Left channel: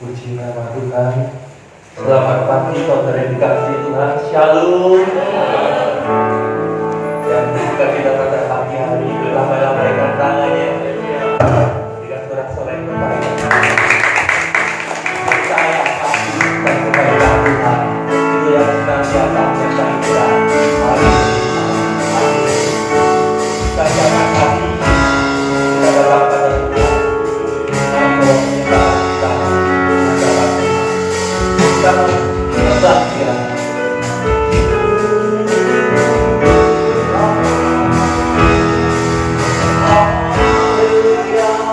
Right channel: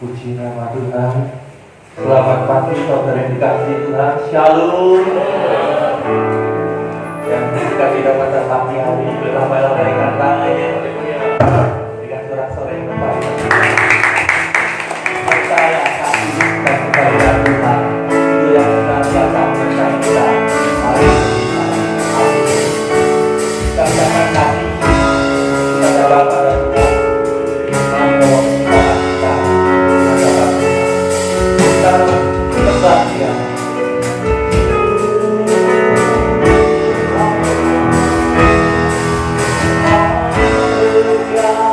Puji nama Tuhan. Selamat pagi saudara yang dikasihi Tuhan. Shalom. Yang bersuka cita pada pagi hari, lama-lama rekan tangannya dengan sorak-sorai yang baik. Percaya pasti dan kebaikan Tuhan itu yang senantiasa menyertai kita. Mari kita katakan kami kepada Bapa dan Tuhan. Namun kita mendapat kita menebak dia. Hallelujah.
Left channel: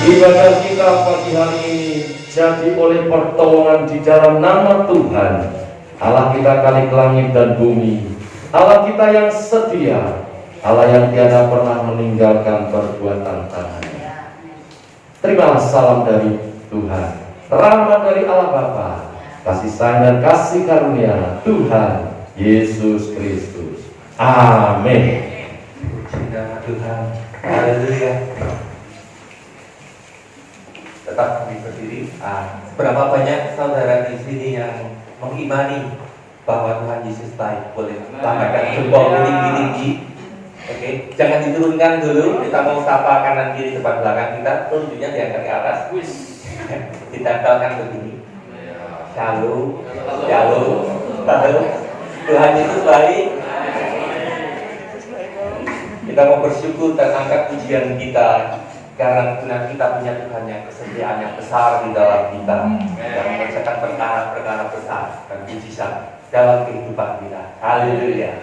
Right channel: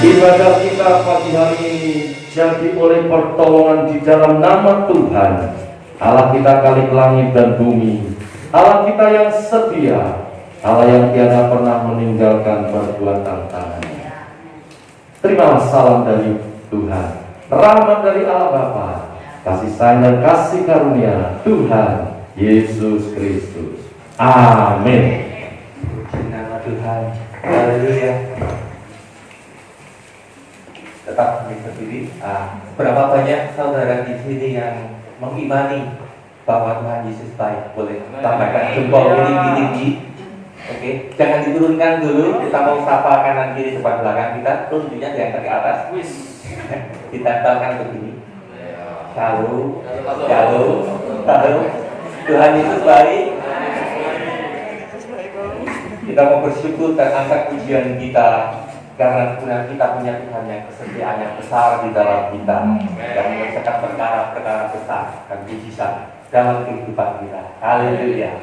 Ibadah kita pagi hari ini jadi oleh pertolongan di dalam nama Tuhan, Allah kita Khalik langit dan bumi, Allah kita yang setia, Allah yang tiada pernah meninggalkan perbuatan tangannya. Terimalah salam dari Tuhan, rahmat dari Allah Bapa, kasih sayang dan kasih karunia Tuhan Yesus Kristus. Amin. Nama Tuhan. Haleluya. Tetap berdiri. Berapa banyak saudara di sini yang mengimani bahwa Tuhan Yesus baik? Boleh tambahkan jempol tinggi-tinggi. Oke, jangan diturunkan dulu. Kita mau sapa kanan kiri depan belakang kita. Tunjuknya diangkat ke atas. Ditempelkan begini. Shalom, shalom, shalom. Tuhan Yesus baik. Kita mau bersyukur dan angkat pujian kita karena kita punya Tuhan yang kesetiaan yang besar di dalam kita dan mengerjakan perkara-perkara besar dan mujizat dalam kehidupan kita. Haleluya.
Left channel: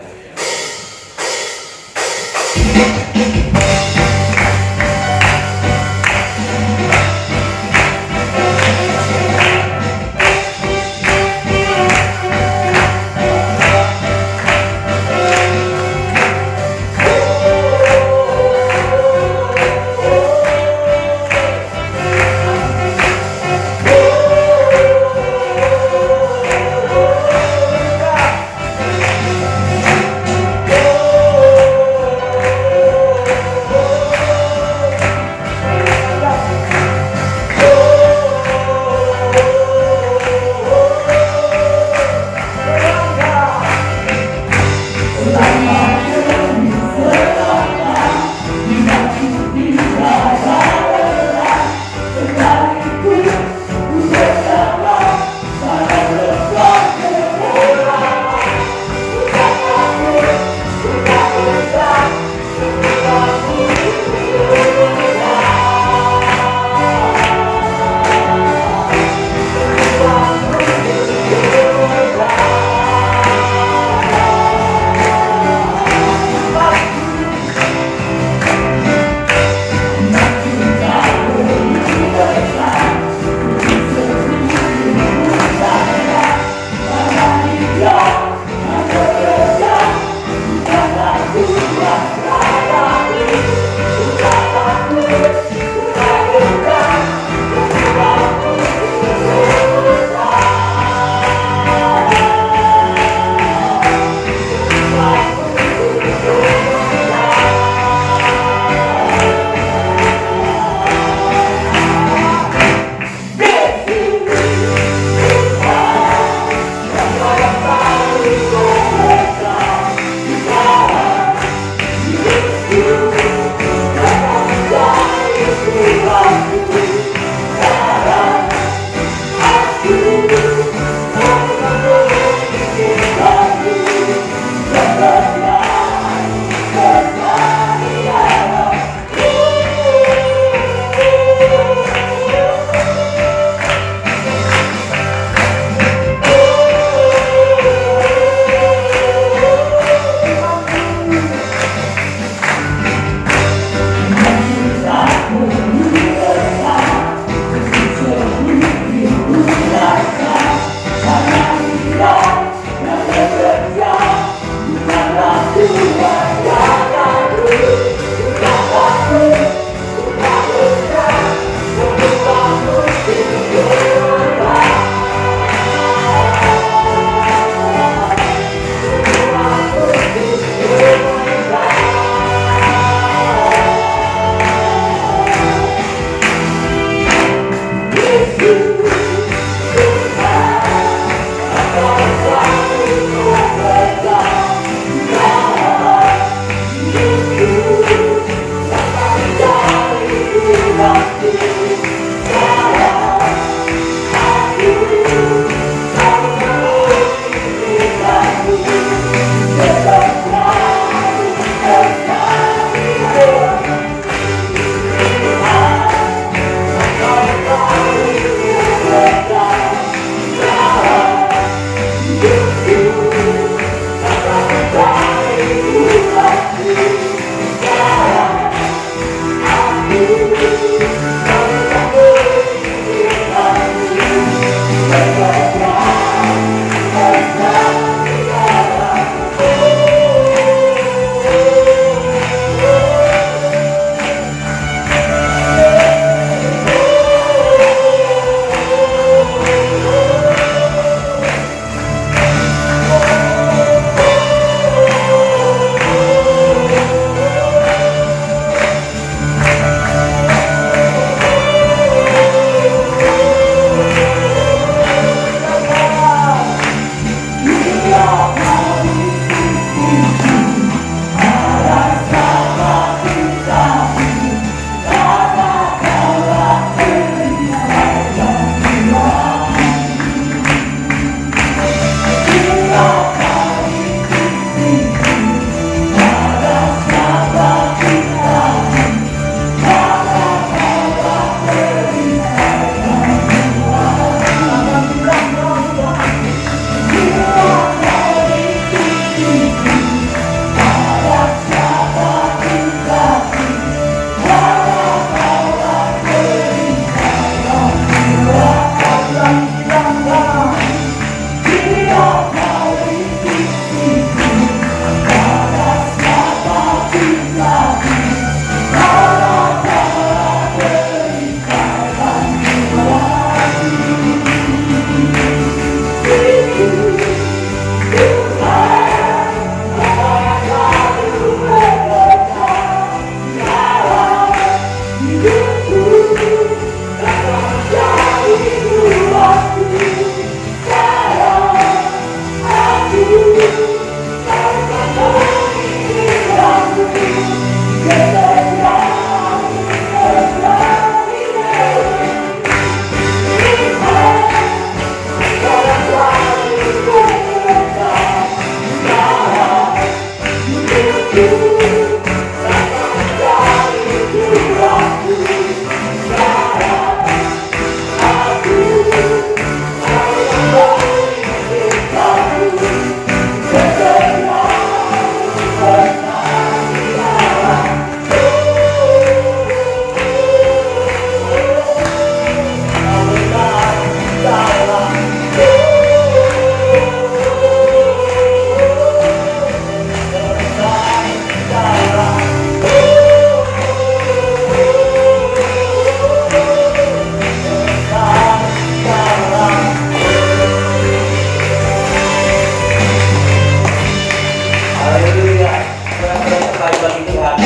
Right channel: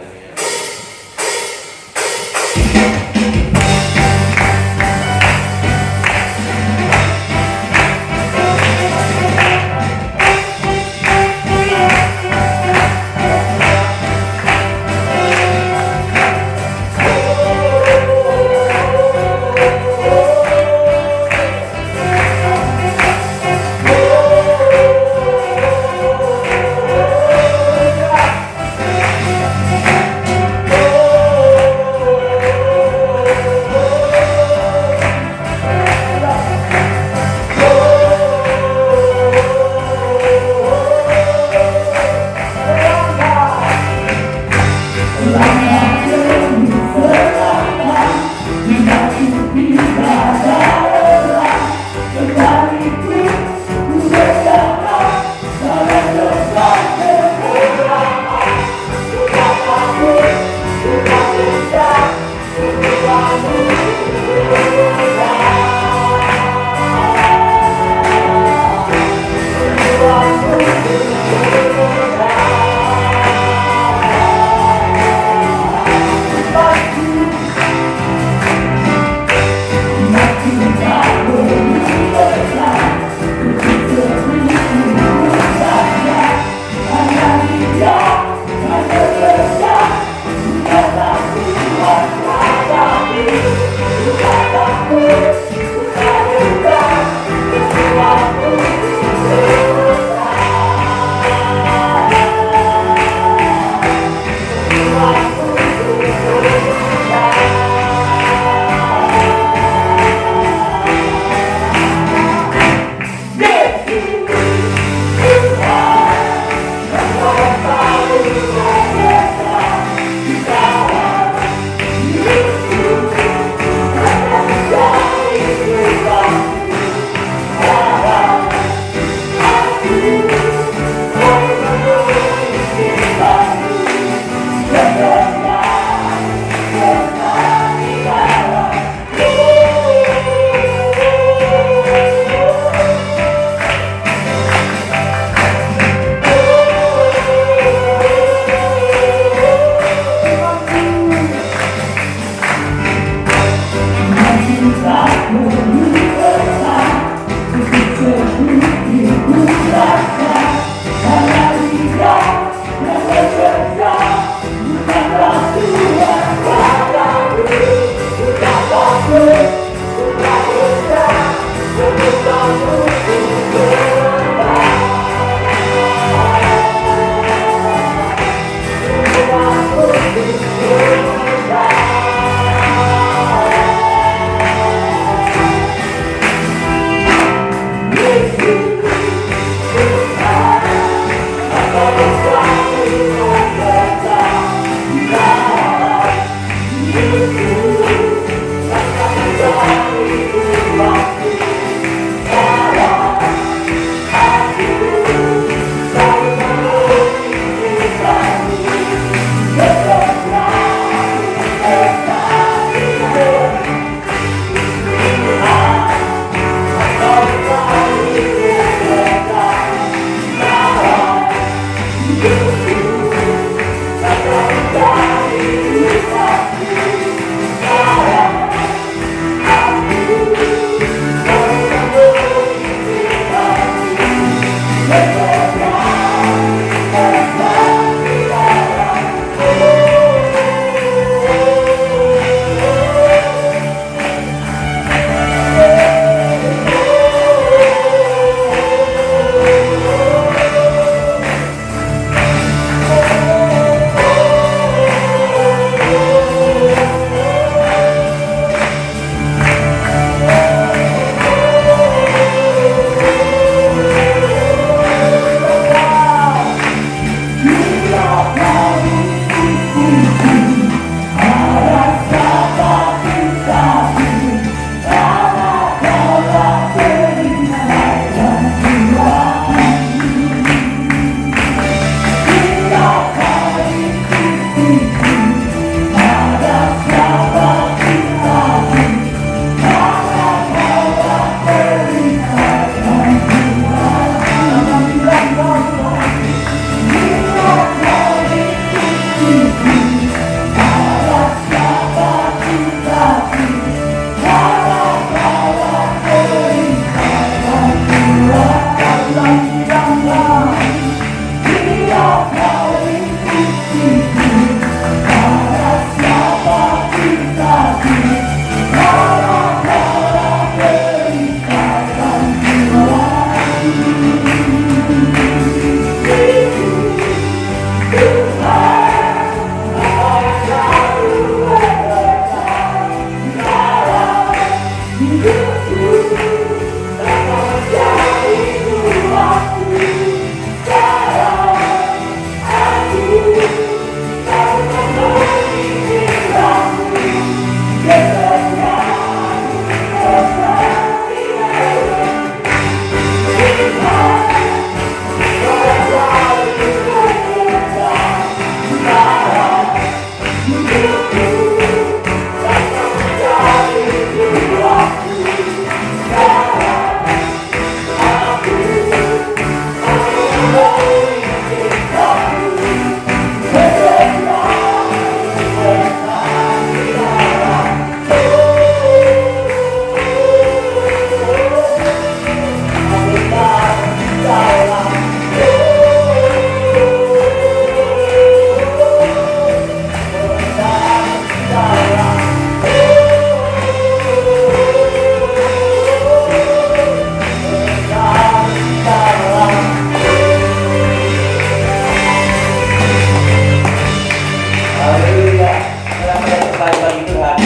Mudah-mudahan kembali bagi Tuhan.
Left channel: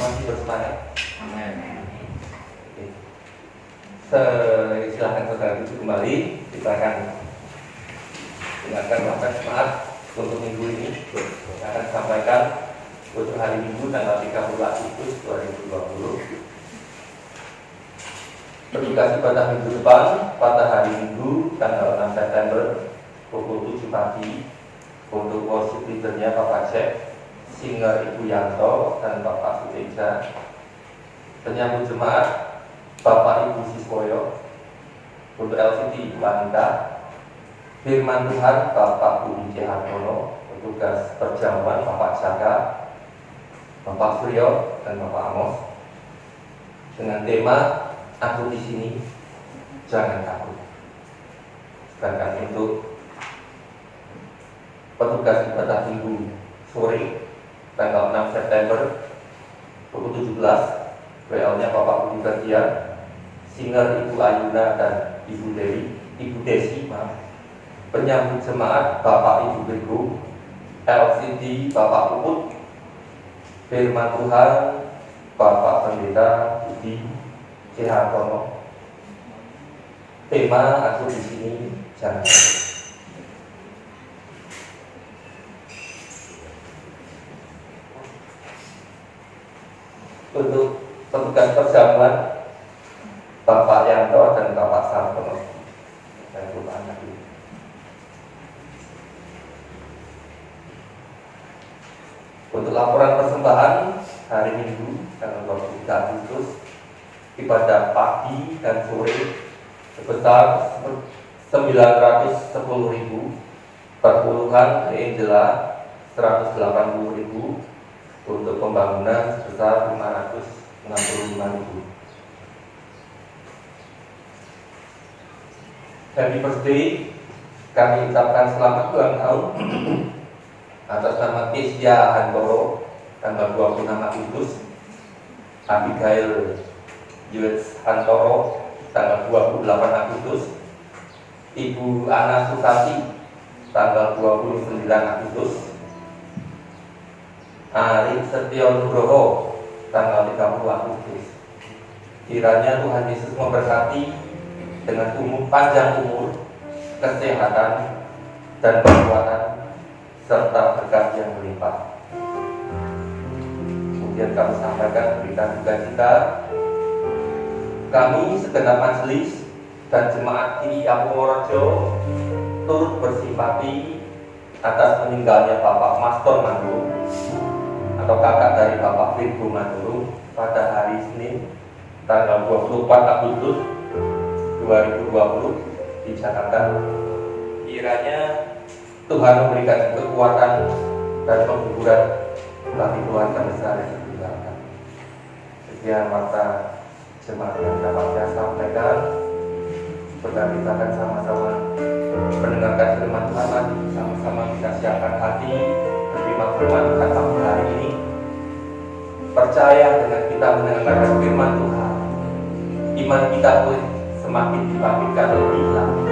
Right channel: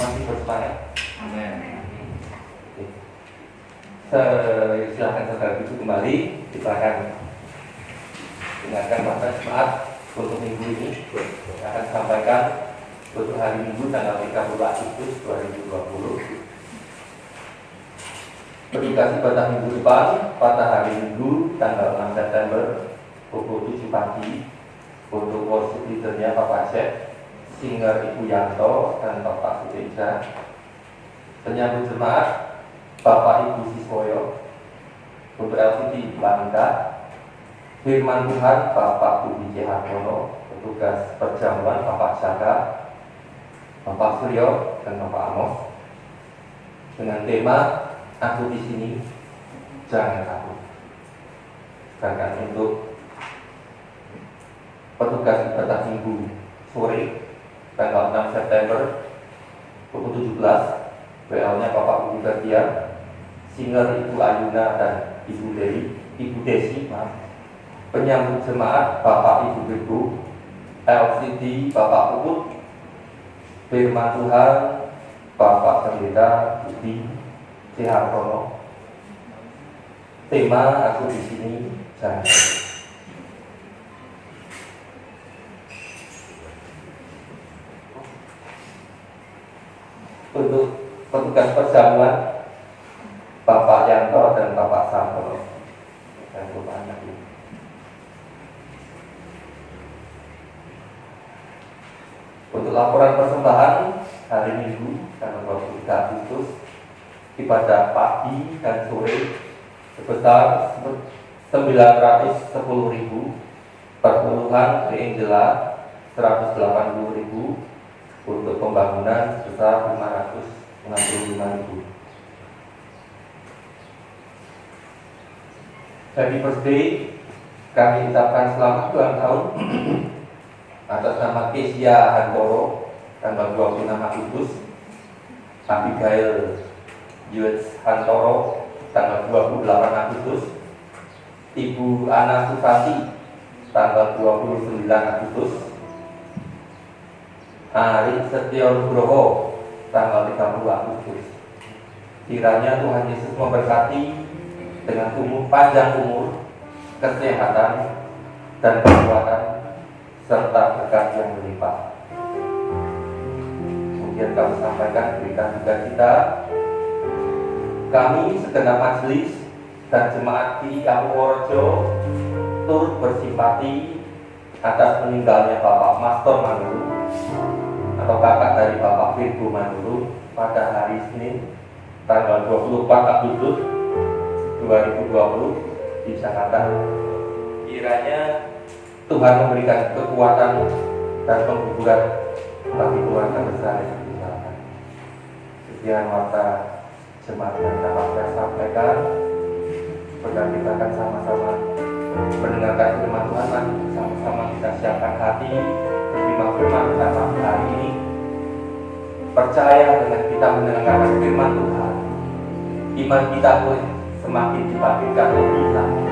Masih bersemangat. Amin. Silakan saudara itu kembali. Kita akan dengarkan bahkan semangat untuk minggu ini. Kita akan sampaikan untuk hari Minggu tanggal 30 Agustus 2020. Aplikasi pada minggu depan pada hari Minggu tanggal 6 September pukul 7 pagi untuk worship leadernya Bapak Chef, singer Ibu Yanto dan Bapak Suteja, penyambut jemaat Bapak Ibu Siswoyo, untuk LCD Ibu Anita, firman Tuhan Bapak Budi C. Hartono, petugas perjamuan Bapak Saka, Bapak Suryo dan Bapak Amos, dengan tema "Aku di sini, jangan takut". Sedangkan untuk petugas ibadah minggu sore tanggal 6 September pukul 17, WL-nya Bapak Budi Bagian, singer Ibu Ayuna dan Ibu Desi, penyambut jemaat Bapak Ibu Beku, LCD Bapak Puput, firman Tuhan Bapak Pendeta Budi C. Hartono. Tema "Aku di sini, jangan takut". Untuk petugas perjamuan Bapak Yanto dan Bapak Sartono. Saya lupa anak ini. Untuk laporan persembahan hari Minggu tanggal 23 Agustus, ibadah pagi dan sore sebesar 910.000, perpuluhan Angela 180.000, untuk pembangunan sebesar 565.000. Happy birthday, kami ucapkan selamat ulang tahun atas nama Kesia Hantoro tanggal 26 Agustus, Abigail Yuets Hantoro tanggal 28 Agustus, Ibu Ana Sutati tanggal 29 Agustus, Ari Setio Nugroho tanggal 30 Agustus. Kiranya Tuhan Yesus memberkati dengan panjang umur, kesehatan, dan kekuatan serta berkat yang berlimpah. Kemudian kami sampaikan berita duka cita. Kami segenap majelis dan jemaat IIA Purworejo turut bersimpati atas meninggalnya Bapak Mastor Manduru atau kakak dari Bapak Virgo Manduru pada hari Senin tanggal 24 Agustus 2020 di Jakarta. Kiranya Tuhan memberikan kekuatan dan penghiburan bagi keluarga besar yang ditinggalkan. Sekian mata jemaat yang dapat saya sampaikan. Saudara, kita akan sama-sama mendengarkan firman Tuhan, sama-sama kita siapkan hati menerima firman Tuhan pada hari ini. Percaya dengan kita mendengarkan firman Tuhan, iman kita pun semakin dibangkitkan lebih lagi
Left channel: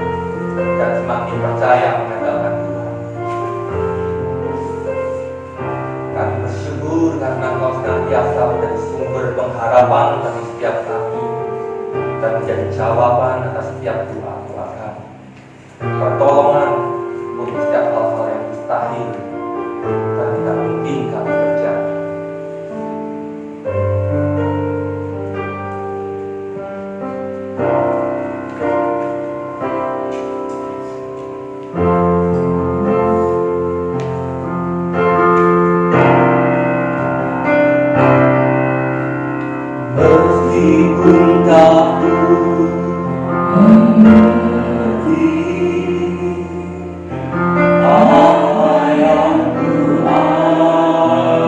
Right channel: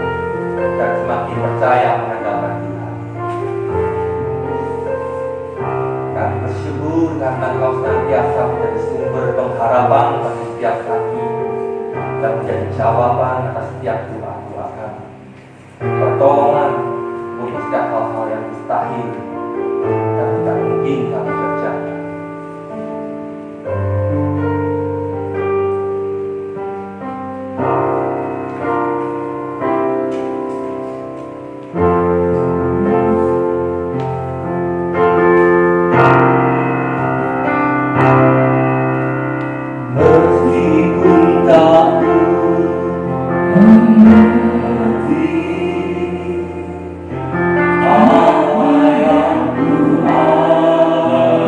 dan semakin percaya mengandalkan Tuhan. Kami bersyukur karena Engkau senantiasa menjadi sumber pengharapan bagi setiap kami dan menjadi jawaban atas setiap doa-doa kami, pertolongan untuk setiap hal-hal yang mustahil dan tidak mungkin kami kerjakan. Meskipun tak mengerti apa yang ku alami,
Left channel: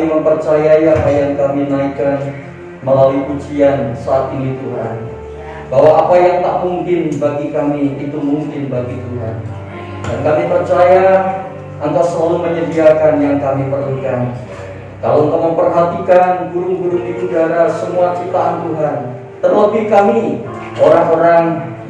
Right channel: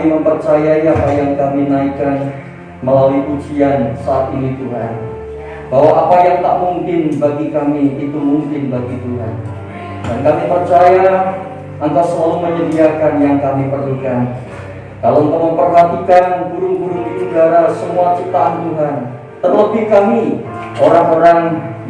kami mempercayai apa yang kami naikkan melalui pujian saat ini Tuhan, bahwa apa yang tak mungkin bagi kami itu mungkin bagi Tuhan. Dan kami percaya Engkau selalu menyediakan yang kami perlukan. Kalau Engkau memperhatikan burung-burung di udara, semua ciptaan Tuhan, terlebih kami, orang-orang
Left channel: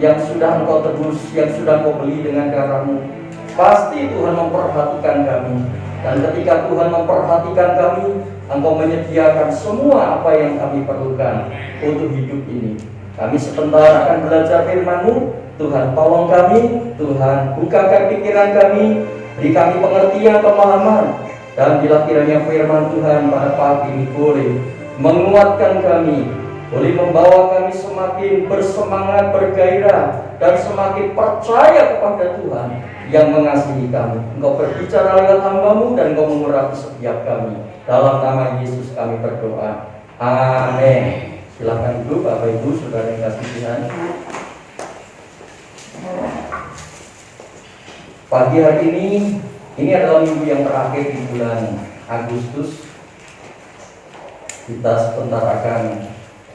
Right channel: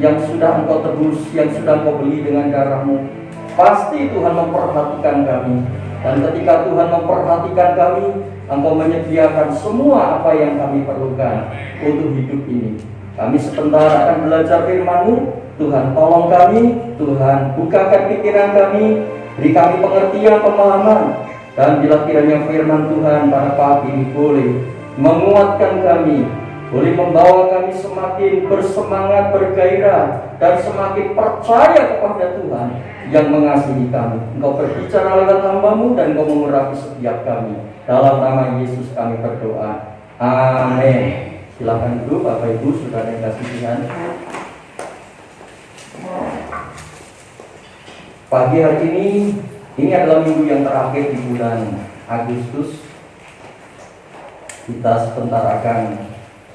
yang sudah Engkau tebus, yang sudah Engkau beli dengan darah-Mu, pasti Tuhan memperhatikan kami. Dan ketika Tuhan memperhatikan kami, Engkau menyediakan semua apa yang kami perlukan untuk hidup ini. Kami sebentar akan belajar firman-Mu. Tuhan tolong kami, Tuhan bukakan pikiran kami, beri kami pengertian, pemahaman. Dan bila kiranya firman Tuhan pada pagi ini boleh menguatkan kami, boleh membawa kami semakin bersemangat, bergairah, dan semakin percaya kepada Tuhan yang mengasihi kami. Engkau berbicara lewat hamba-Mu dan Engkau mengurapi setiap kami. Dalam nama Yesus kami berdoa. Amin. Silakan Ibu, Bapak Ibu, saudara yang kasih Tuhan. Pagi hari ini adalah minggu yang terakhir di bulan Agustus. Kita sebentar akan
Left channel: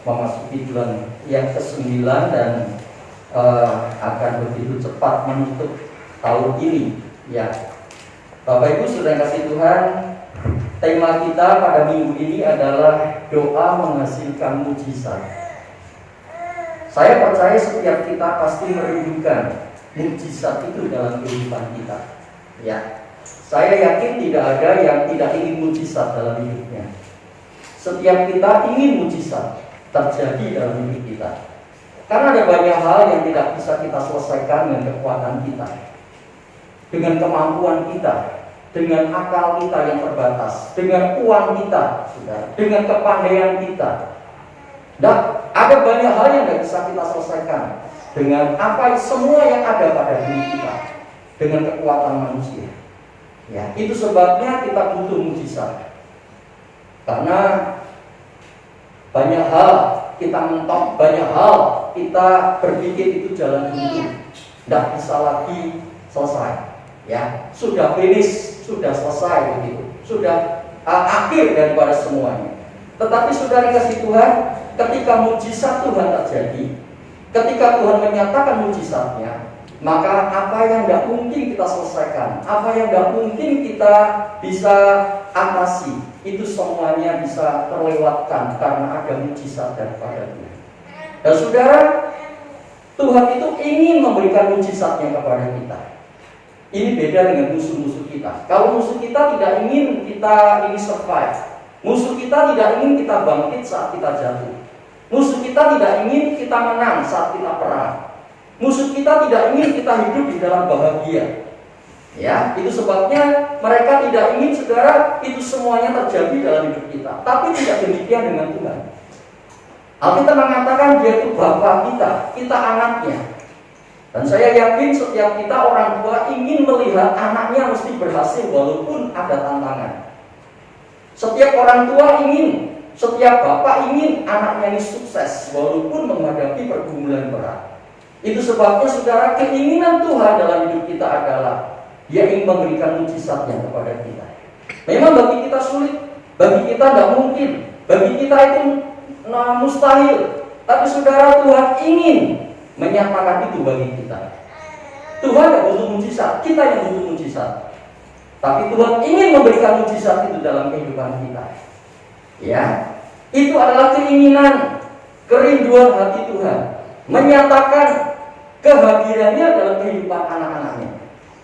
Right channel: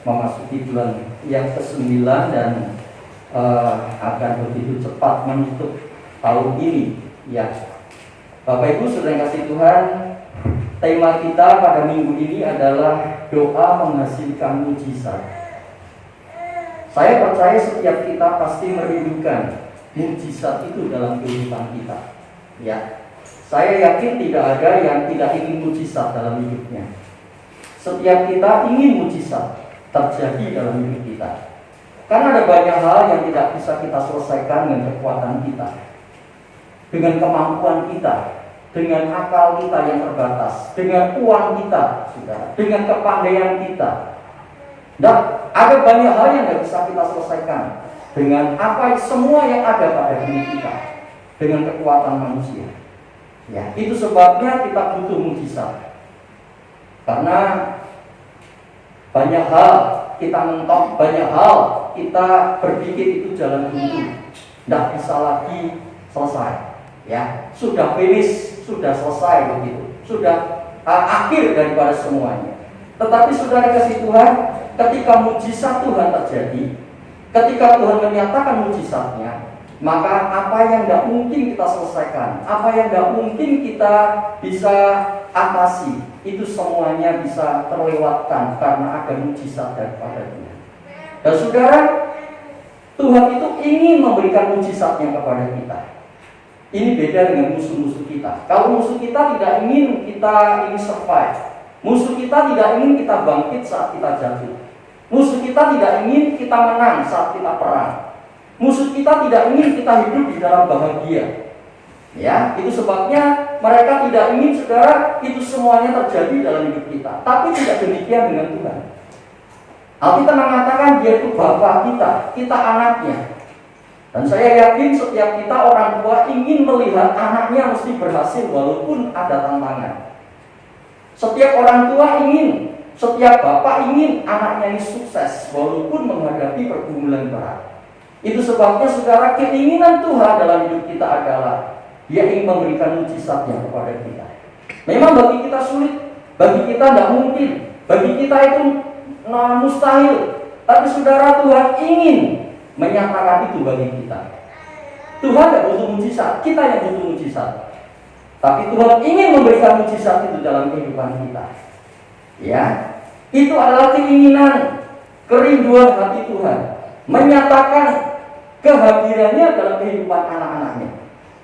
memasuki bulan yang ke-9 dan akan begitu cepat menutup tahun ini. Ya, Bapak Ibu sudah kasih Tuhan, tema kita pada minggu ini adalah doa menghasilkan mujizat. Saya percaya setiap kita pasti merindukan mujizat itu dalam kehidupan kita. Ya, saya yakin tidak ada yang tidak ingin mujizat dalam hidupnya. Setiap kita ingin mujizat terjadi dalam hidup kita. Karena ada banyak hal yang tidak bisa kita selesaikan dengan kekuatan kita, dengan kemampuan kita, dengan akal kita yang terbatas, dengan uang kita, dengan kepandaian kita. Dan ada banyak hal yang tidak bisa kita selesaikan dengan apa semua yang ada pada diri kita, dengan kekuatan manusia. Ya, itu sebabnya kita butuh mujizat. Karena banyak hal kita mentok, banyak hal kita berpikir itu jalan buntu, tidak bisa lagi selesai. Ya, sudah finish, sudah selesai begitu, sudah akhir daripada semuanya. Tetapi saudara kasih Tuhan, ketika mujizat Tuhan terjadi, ketika Tuhan menyatakan mujizatnya, maka apa yang tidak mungkin kita selesaikan, apa yang tidak mungkin kita bisa atasi, itu semuanya bisa terlewatkan karena ada mujizat daripada Tuhan. Dan saudara, Tuhan itu ingin memberikan mujizatnya kepada kita. Ini beda dengan musuh-musuh kita. Kalau musuh kita tidak ingin kita ini survive, musuh kita tidak ingin kita bangkit saat kita jatuh, musuh kita tidak ingin kita menang saat kita perang, musuh kita tidak ingin kita hidup di dalam bahagia. Ya, itu sebabnya mereka tidak ingin saudara itu semuanya terjadi dalam hidup kita. Tapi tidak demikian dengan Tuhan. Alkitab mengatakan Dia itu Bapa kita anaknya. Dan saya yakin setiap kita orang tua ingin melihat anaknya mesti berhasil walaupun ada tantangan. Setiap orang tua ingin, setiap bapak ingin anaknya ini sukses walaupun menghadapi pergumulan berat. Itu sebabnya saudara, keinginan Tuhan dalam hidup kita adalah Dia ingin memberikan mujizatnya kepada kita. Memang bagi kita sulit, bagi kita tidak mungkin, bagi kita itu mustahil. Tapi saudara, Tuhan ingin menyatakan itu bagi kita. Tuhan tidak butuh mujizat, kita yang butuh mujizat. Tapi Tuhan ingin memberikan mujizat itu dalam kehidupan kita. Ya, itu adalah keinginan, kerinduan hati Tuhan, menyatakan kehadirannya dalam kehidupan anak-anaknya,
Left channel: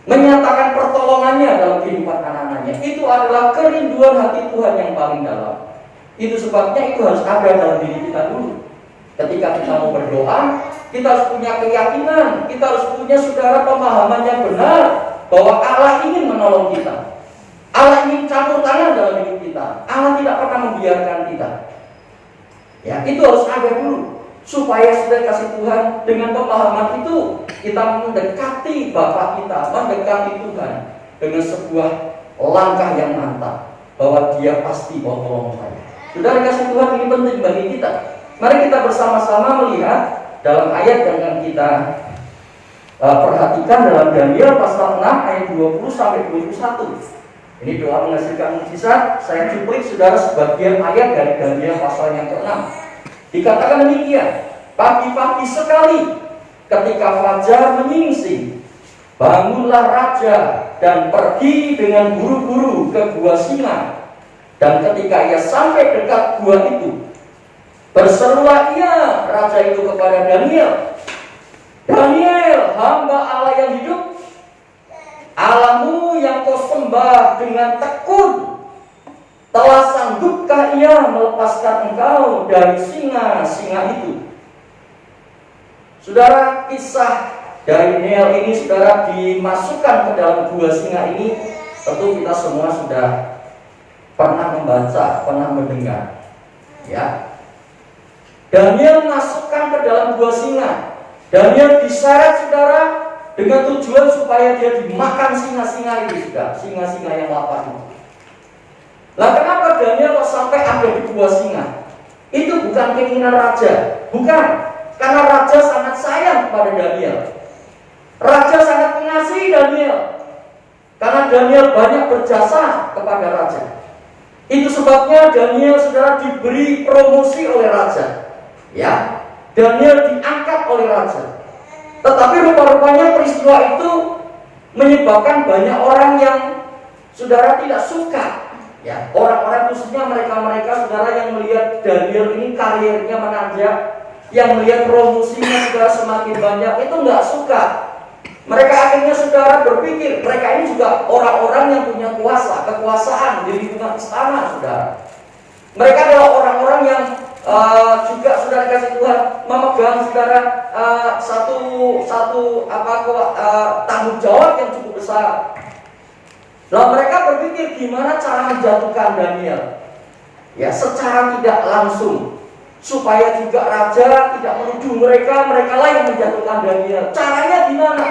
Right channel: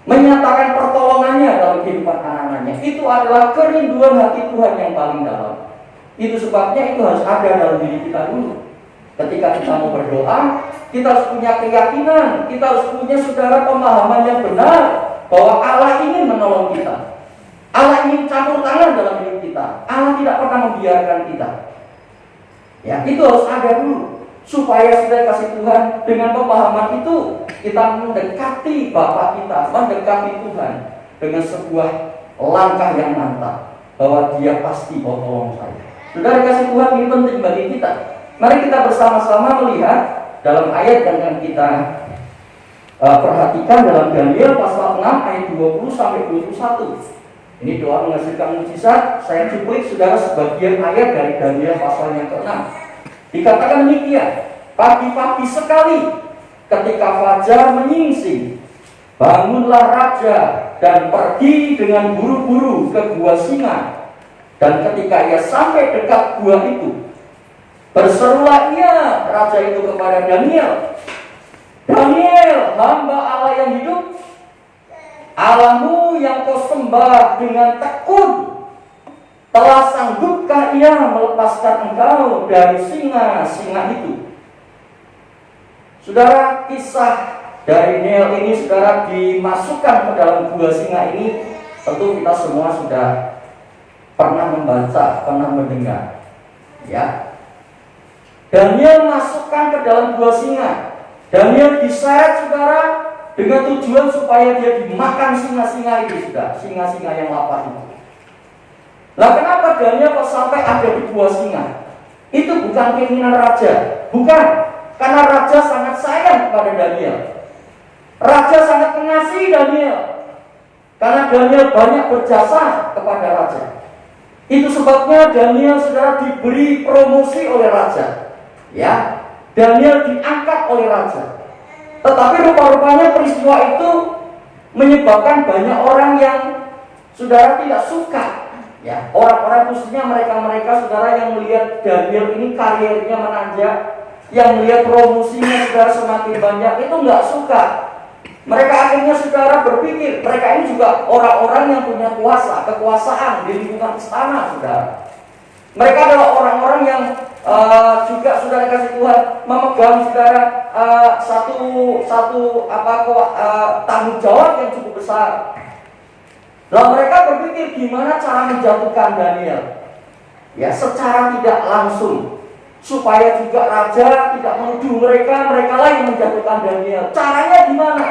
menyatakan pertolongannya dalam kehidupan anak-anaknya. Itu adalah kerinduan hati Tuhan yang paling dalam. Itu sebabnya itu harus ada dalam diri kita dulu. Ketika kita mau berdoa, kita harus punya keyakinan, kita harus punya saudara pemahaman yang benar bahwa Allah ingin menolong kita, Allah ingin campur tangan dalam hidup kita, Allah tidak pernah membiarkan kita. Ya, itu harus ada dulu supaya sudah kasih Tuhan. Dengan pemahaman itu kita mendekati Bapa kita, mendekati Tuhan dengan sebuah langkah yang mantap bahwa Dia pasti mau tolong saya. Saudara kasih Tuhan, ini penting bagi kita. Mari kita bersama-sama melihat dalam ayat yang kita perhatikan dalam Daniel pasal 6 ayat 20 sampai 21. Ini doa menghasilkan mujizat. Saya cuplik saudara sebagian ayat dari Daniel pasal yang ke-6. Dikatakan demikian, pagi-pagi sekali ketika fajar menyingsing, bangunlah raja dan pergi dengan buru-buru ke gua singa. Dan ketika ia sampai dekat gua itu, berserulah ia, raja itu, kepada Daniel, Daniel, hamba Allah yang hidup, Allahmu yang kau sembah dengan tekun, telah sanggupkah ia melepaskan engkau dari singa-singa itu? Saudara, kisah dari Daniel ini, saudara, dimasukkan ke dalam gua singa ini. Tentu kita semua sudah pernah membaca, pernah mendengar, ya. Daniel masukkan ke dalam gua singa. Daniel diseret, saudara, dengan tujuan supaya dia dimakan singa-singa itu, sudah, singa-singa yang lapar itu. Lah kenapa Daniel kok sampai ada di gua singa? Itu bukan keinginan raja, bukan, karena raja sangat sayang kepada Daniel. Raja sangat mengasihi Daniel, karena Daniel banyak berjasa kepada raja. Itu sebabnya Daniel, saudara, diberi promosi oleh raja, ya. Daniel diangkat oleh raja. Tetapi rupa-rupanya peristiwa itu menyebabkan banyak orang yang, saudara, tidak suka, ya. Orang-orang, khususnya mereka-mereka, saudara, yang melihat Daniel ini karirnya menanjak, yang melihat promosinya, saudara, semakin banyak, itu nggak suka. Mereka akhirnya, saudara, berpikir mereka ini juga orang-orang yang punya kuasa, kekuasaan di lingkungan istana, saudara. Mereka adalah orang-orang yang juga, saudara kasih Tuhan, memegang, saudara, tanggung jawab yang cukup besar. Lalu mereka berpikir gimana cara menjatuhkan Daniel, ya, secara tidak langsung, supaya juga raja tidak menuduh mereka lah yang menjatuhkan Daniel. Caranya gimana?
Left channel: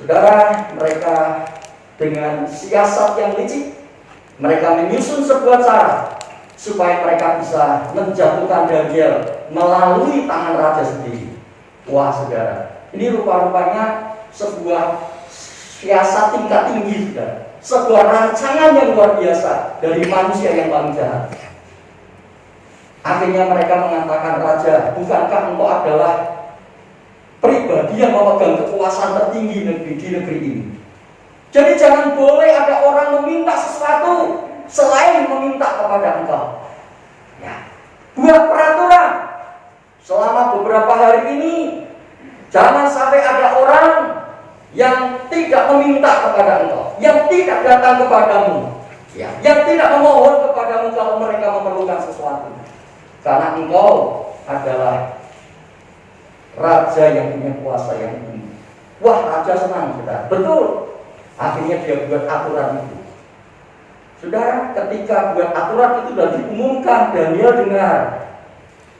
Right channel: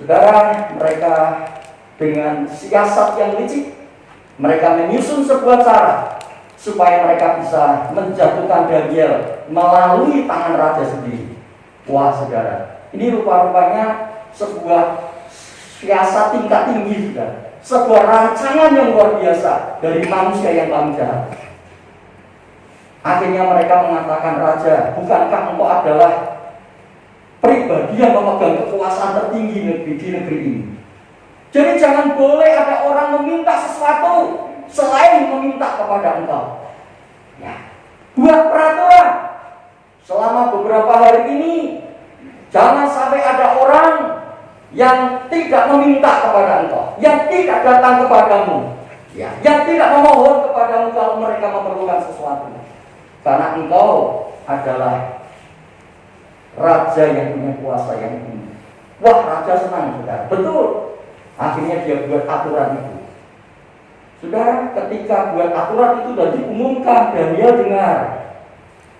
Saudara, mereka dengan siasat yang licik, mereka menyusun sebuah cara supaya mereka bisa menjatuhkan Daniel melalui tangan raja sendiri. Wah, saudara, ini rupa-rupanya sebuah siasat tingkat tinggi, saudara. Sebuah rancangan yang luar biasa dari manusia yang paling jahat. Akhirnya mereka mengatakan, raja, bukankah engkau adalah pribadi yang memegang kekuasaan tertinggi di negeri ini? Jadi jangan boleh ada orang meminta sesuatu selain meminta kepada engkau. Ya, buat peraturan selama beberapa hari ini, jangan sampai ada orang yang tidak meminta kepada engkau, yang tidak datang kepadamu, ya, yang tidak memohon kepadamu kalau mereka memerlukan sesuatu, karena engkau adalah raja yang punya kuasa yang tinggi. Wah, raja senang, saudara. Betul. Akhirnya dia buat aturan itu. Saudara, ketika buat aturan itu sudah diumumkan, Daniel dengar.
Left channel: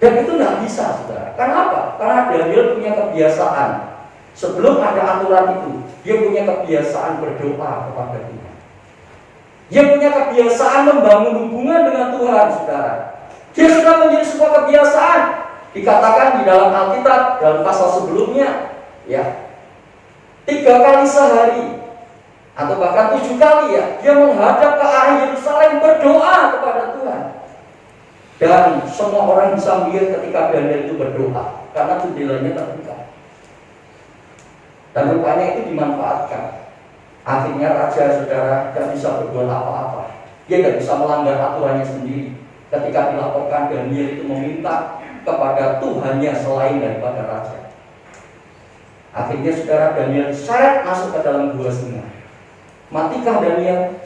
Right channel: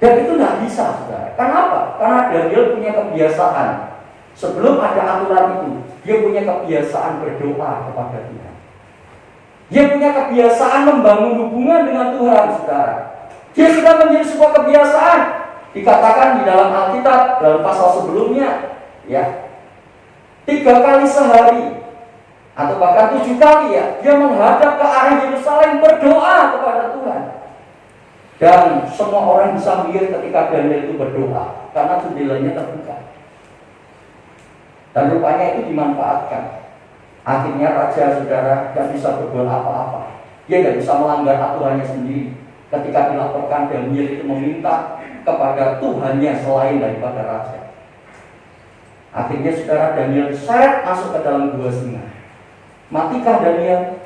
Dan itu nggak bisa, saudara. Kenapa? Karena Daniel punya kebiasaan. Sebelum ada aturan itu, dia punya kebiasaan berdoa kepada Tuhan. Dia punya kebiasaan membangun hubungan dengan Tuhan, saudara. Dia sudah menjadi sebuah kebiasaan. Dikatakan di dalam Alkitab, dalam pasal sebelumnya, ya, 3 kali sehari atau bahkan 7 kali, ya, dia menghadap ke arah Yerusalem berdoa kepada Tuhan. Dan semua orang bisa melihat ketika Daniel itu berdoa, karena jendelanya terbuka. Dan rupanya itu dimanfaatkan. Akhirnya raja, saudara, tidak bisa berbuat apa-apa. Dia tidak bisa melanggar aturannya sendiri. Ketika dilaporkan Daniel itu meminta kepada Tuhannya selain daripada raja. Akhirnya, saudara, Daniel diseret masuk ke dalam gua singa. Matikah Daniel?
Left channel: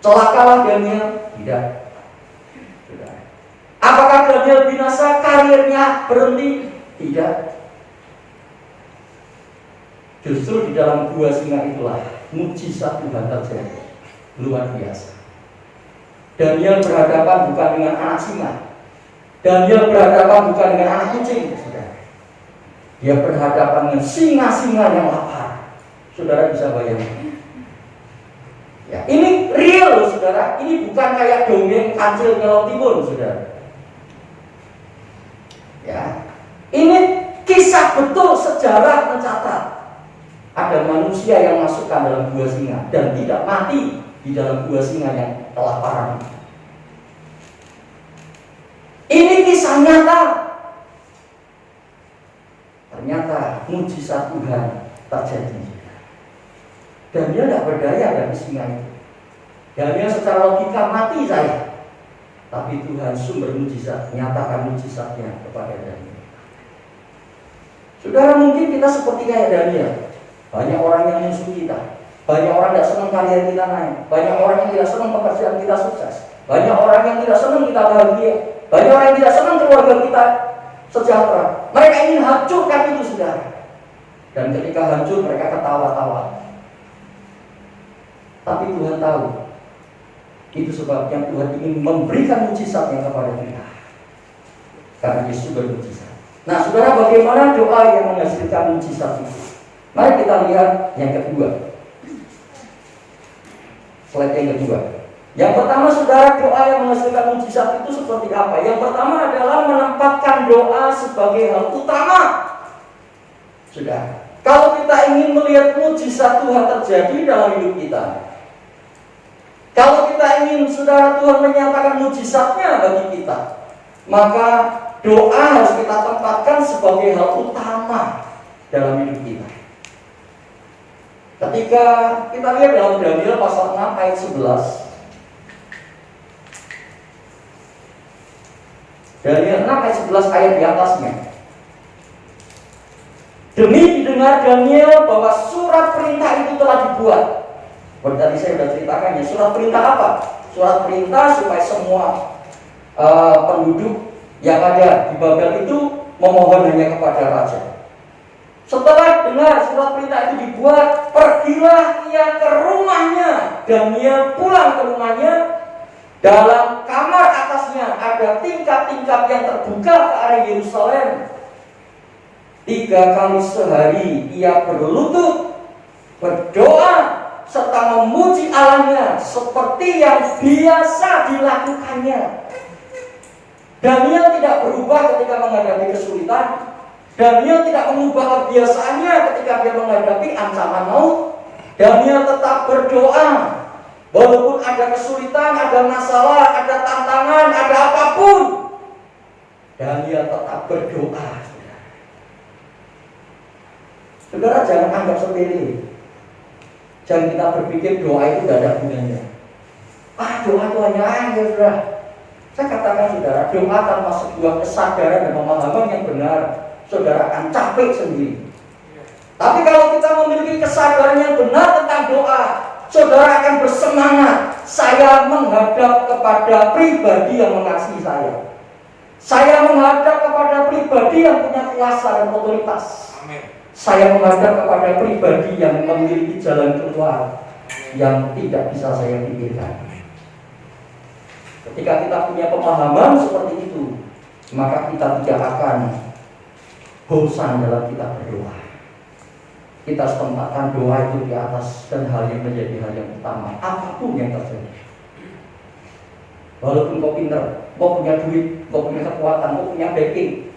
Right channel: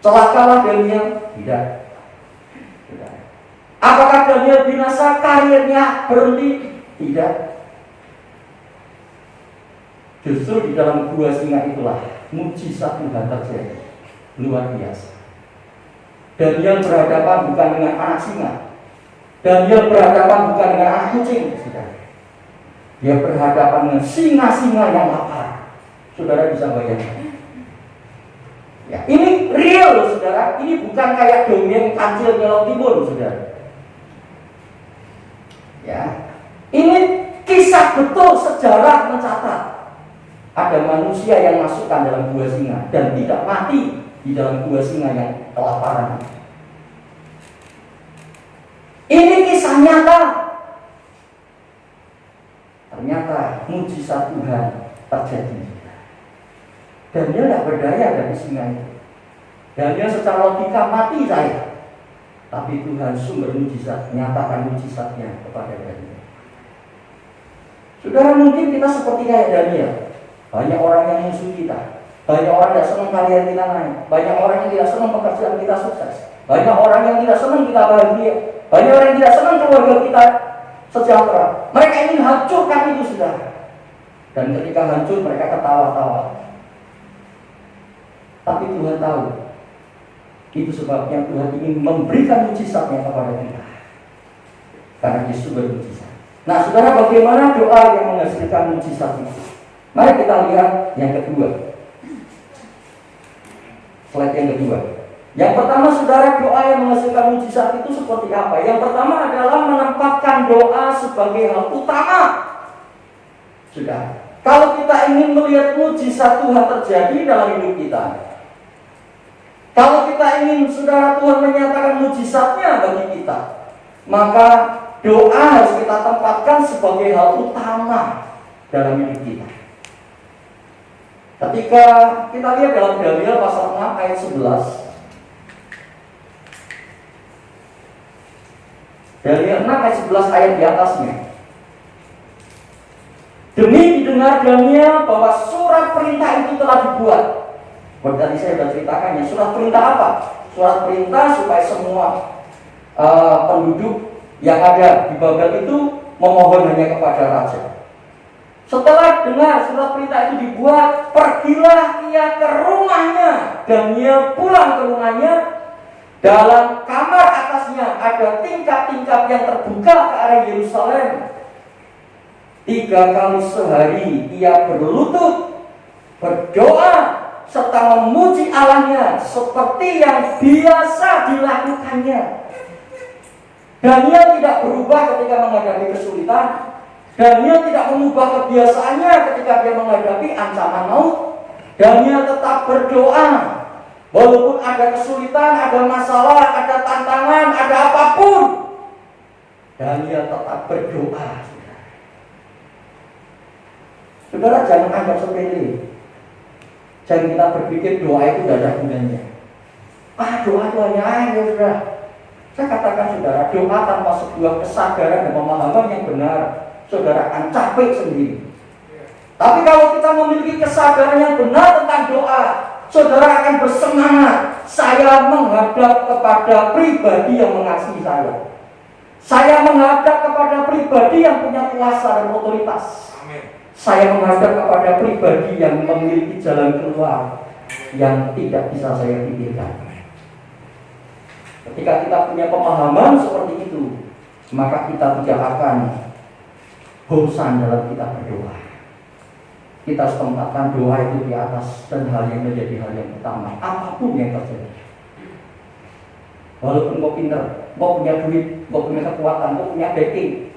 Celakalah Daniel? Tidak. Tidak. Apakah Daniel binasa? Karirnya berhenti? Tidak. Justru di dalam gua singa itulah mujizat Tuhan terjadi. Luar biasa. Daniel berhadapan bukan dengan anak singa. Daniel berhadapan bukan dengan anak kucing, saudara. Dia berhadapan dengan singa-singa yang lapar. Saudara bisa bayangkan. Ya, ini real, saudara. Ini bukan kayak dongeng kancil Laut Timur, saudara. Ya, ini kisah betul, sejarah mencatat. ada manusia yang masukkan dalam gua singa dan tidak mati di dalam gua singa yang kelaparan. Ini kisah nyata. Ternyata mujizat Tuhan terjadi. Dan dia tidak berdaya dari singa itu. Dan dia secara logika mati saya. Tapi Tuhan sumber mujizat nyatakan mujizatnya kepada Daniel. Saudara, mungkin kita seperti kayak Daniel. Banyak orang yang musuh kita. Banyak orang yang tidak senang karya kita naik. Banyak orang yang tidak senang pekerjaan kita sukses. Banyak orang yang tidak senang kita bahagia. Banyak orang yang tidak senang keluarga kita sejahtera. Mereka ingin hancurkan itu, saudara. Dan ketika hancur mereka ketawa-tawa. Tapi Tuhan tahu. Itu sebabnya Tuhan ingin memberikan mujizatnya kepada kita. Karena Yesus bermujizat. Nah, saudara, bagaimana doa yang menghasilkan mujizat itu? Mari kita lihat yang kedua. Slide yang kedua. Yang pertama, saudara, doa yang menghasilkan mujizat itu seperti apa? Yang pertama adalah menempatkan doa sebagai hal utama. Sudah. Kalau kita ingin melihat mujizat Tuhan terjadi dalam hidup kita, kalau kita ingin, saudara, Tuhan menyatakan mujizatnya bagi kita, maka doa harus kita tempatkan sebagai hal utama dalam hidup kita. Ketika kita lihat dalam Daniel pasal 6 ayat 11, Daniel 6 ayat 11 ayat di atasnya. Demi didengar Daniel bahwa surat perintah itu telah dibuat. Tadi saya sudah ceritakan ya, surat perintah apa? Surat perintah supaya semua penduduk yang ada di Babel itu memohon hanya kepada raja. Setelah dengar surat perintah itu dibuat, pergilah ia ke rumahnya. Daniel pulang ke rumahnya. Dalam kamar atasnya ada tingkap-tingkap yang terbuka ke arah Yerusalem. 3 kali sehari ia berlutut, berdoa, serta memuji Allahnya seperti yang biasa dilakukannya. Daniel tidak berubah ketika menghadapi kesulitan. Daniel tidak mengubah kebiasaannya ketika dia menghadapi ancaman maut. Daniel tetap berdoa. Walaupun ada kesulitan, ada masalah, ada tantangan, ada apapun, Daniel tetap berdoa. Saudara, jangan anggap sepele. Jangan kita berpikir doa itu tidak ada gunanya. Doa itu hanya air, saudara. Saya katakan, saudara, doa tanpa sebuah kesadaran dan pemahaman yang benar, saudara akan capek sendiri. Tapi kalau kita memiliki kesadaran yang benar tentang doa, saudara akan bersemangat. Saya menghadap kepada pribadi yang mengasihi saya. Saya menghadap kepada pribadi yang punya kuasa dan otoritas. Saya menghadap kepada pribadi yang memiliki jalan keluar yang tidak bisa saya pikirkan. Ketika kita punya pemahaman seperti itu, maka kita tidak akan bosan dalam kita berdoa. Kita harus tempatkan doa itu di atas dan hal yang menjadi hal yang utama, apapun yang terjadi. Walaupun kau pintar, kau punya duit, kau punya kekuatan, kau punya backing,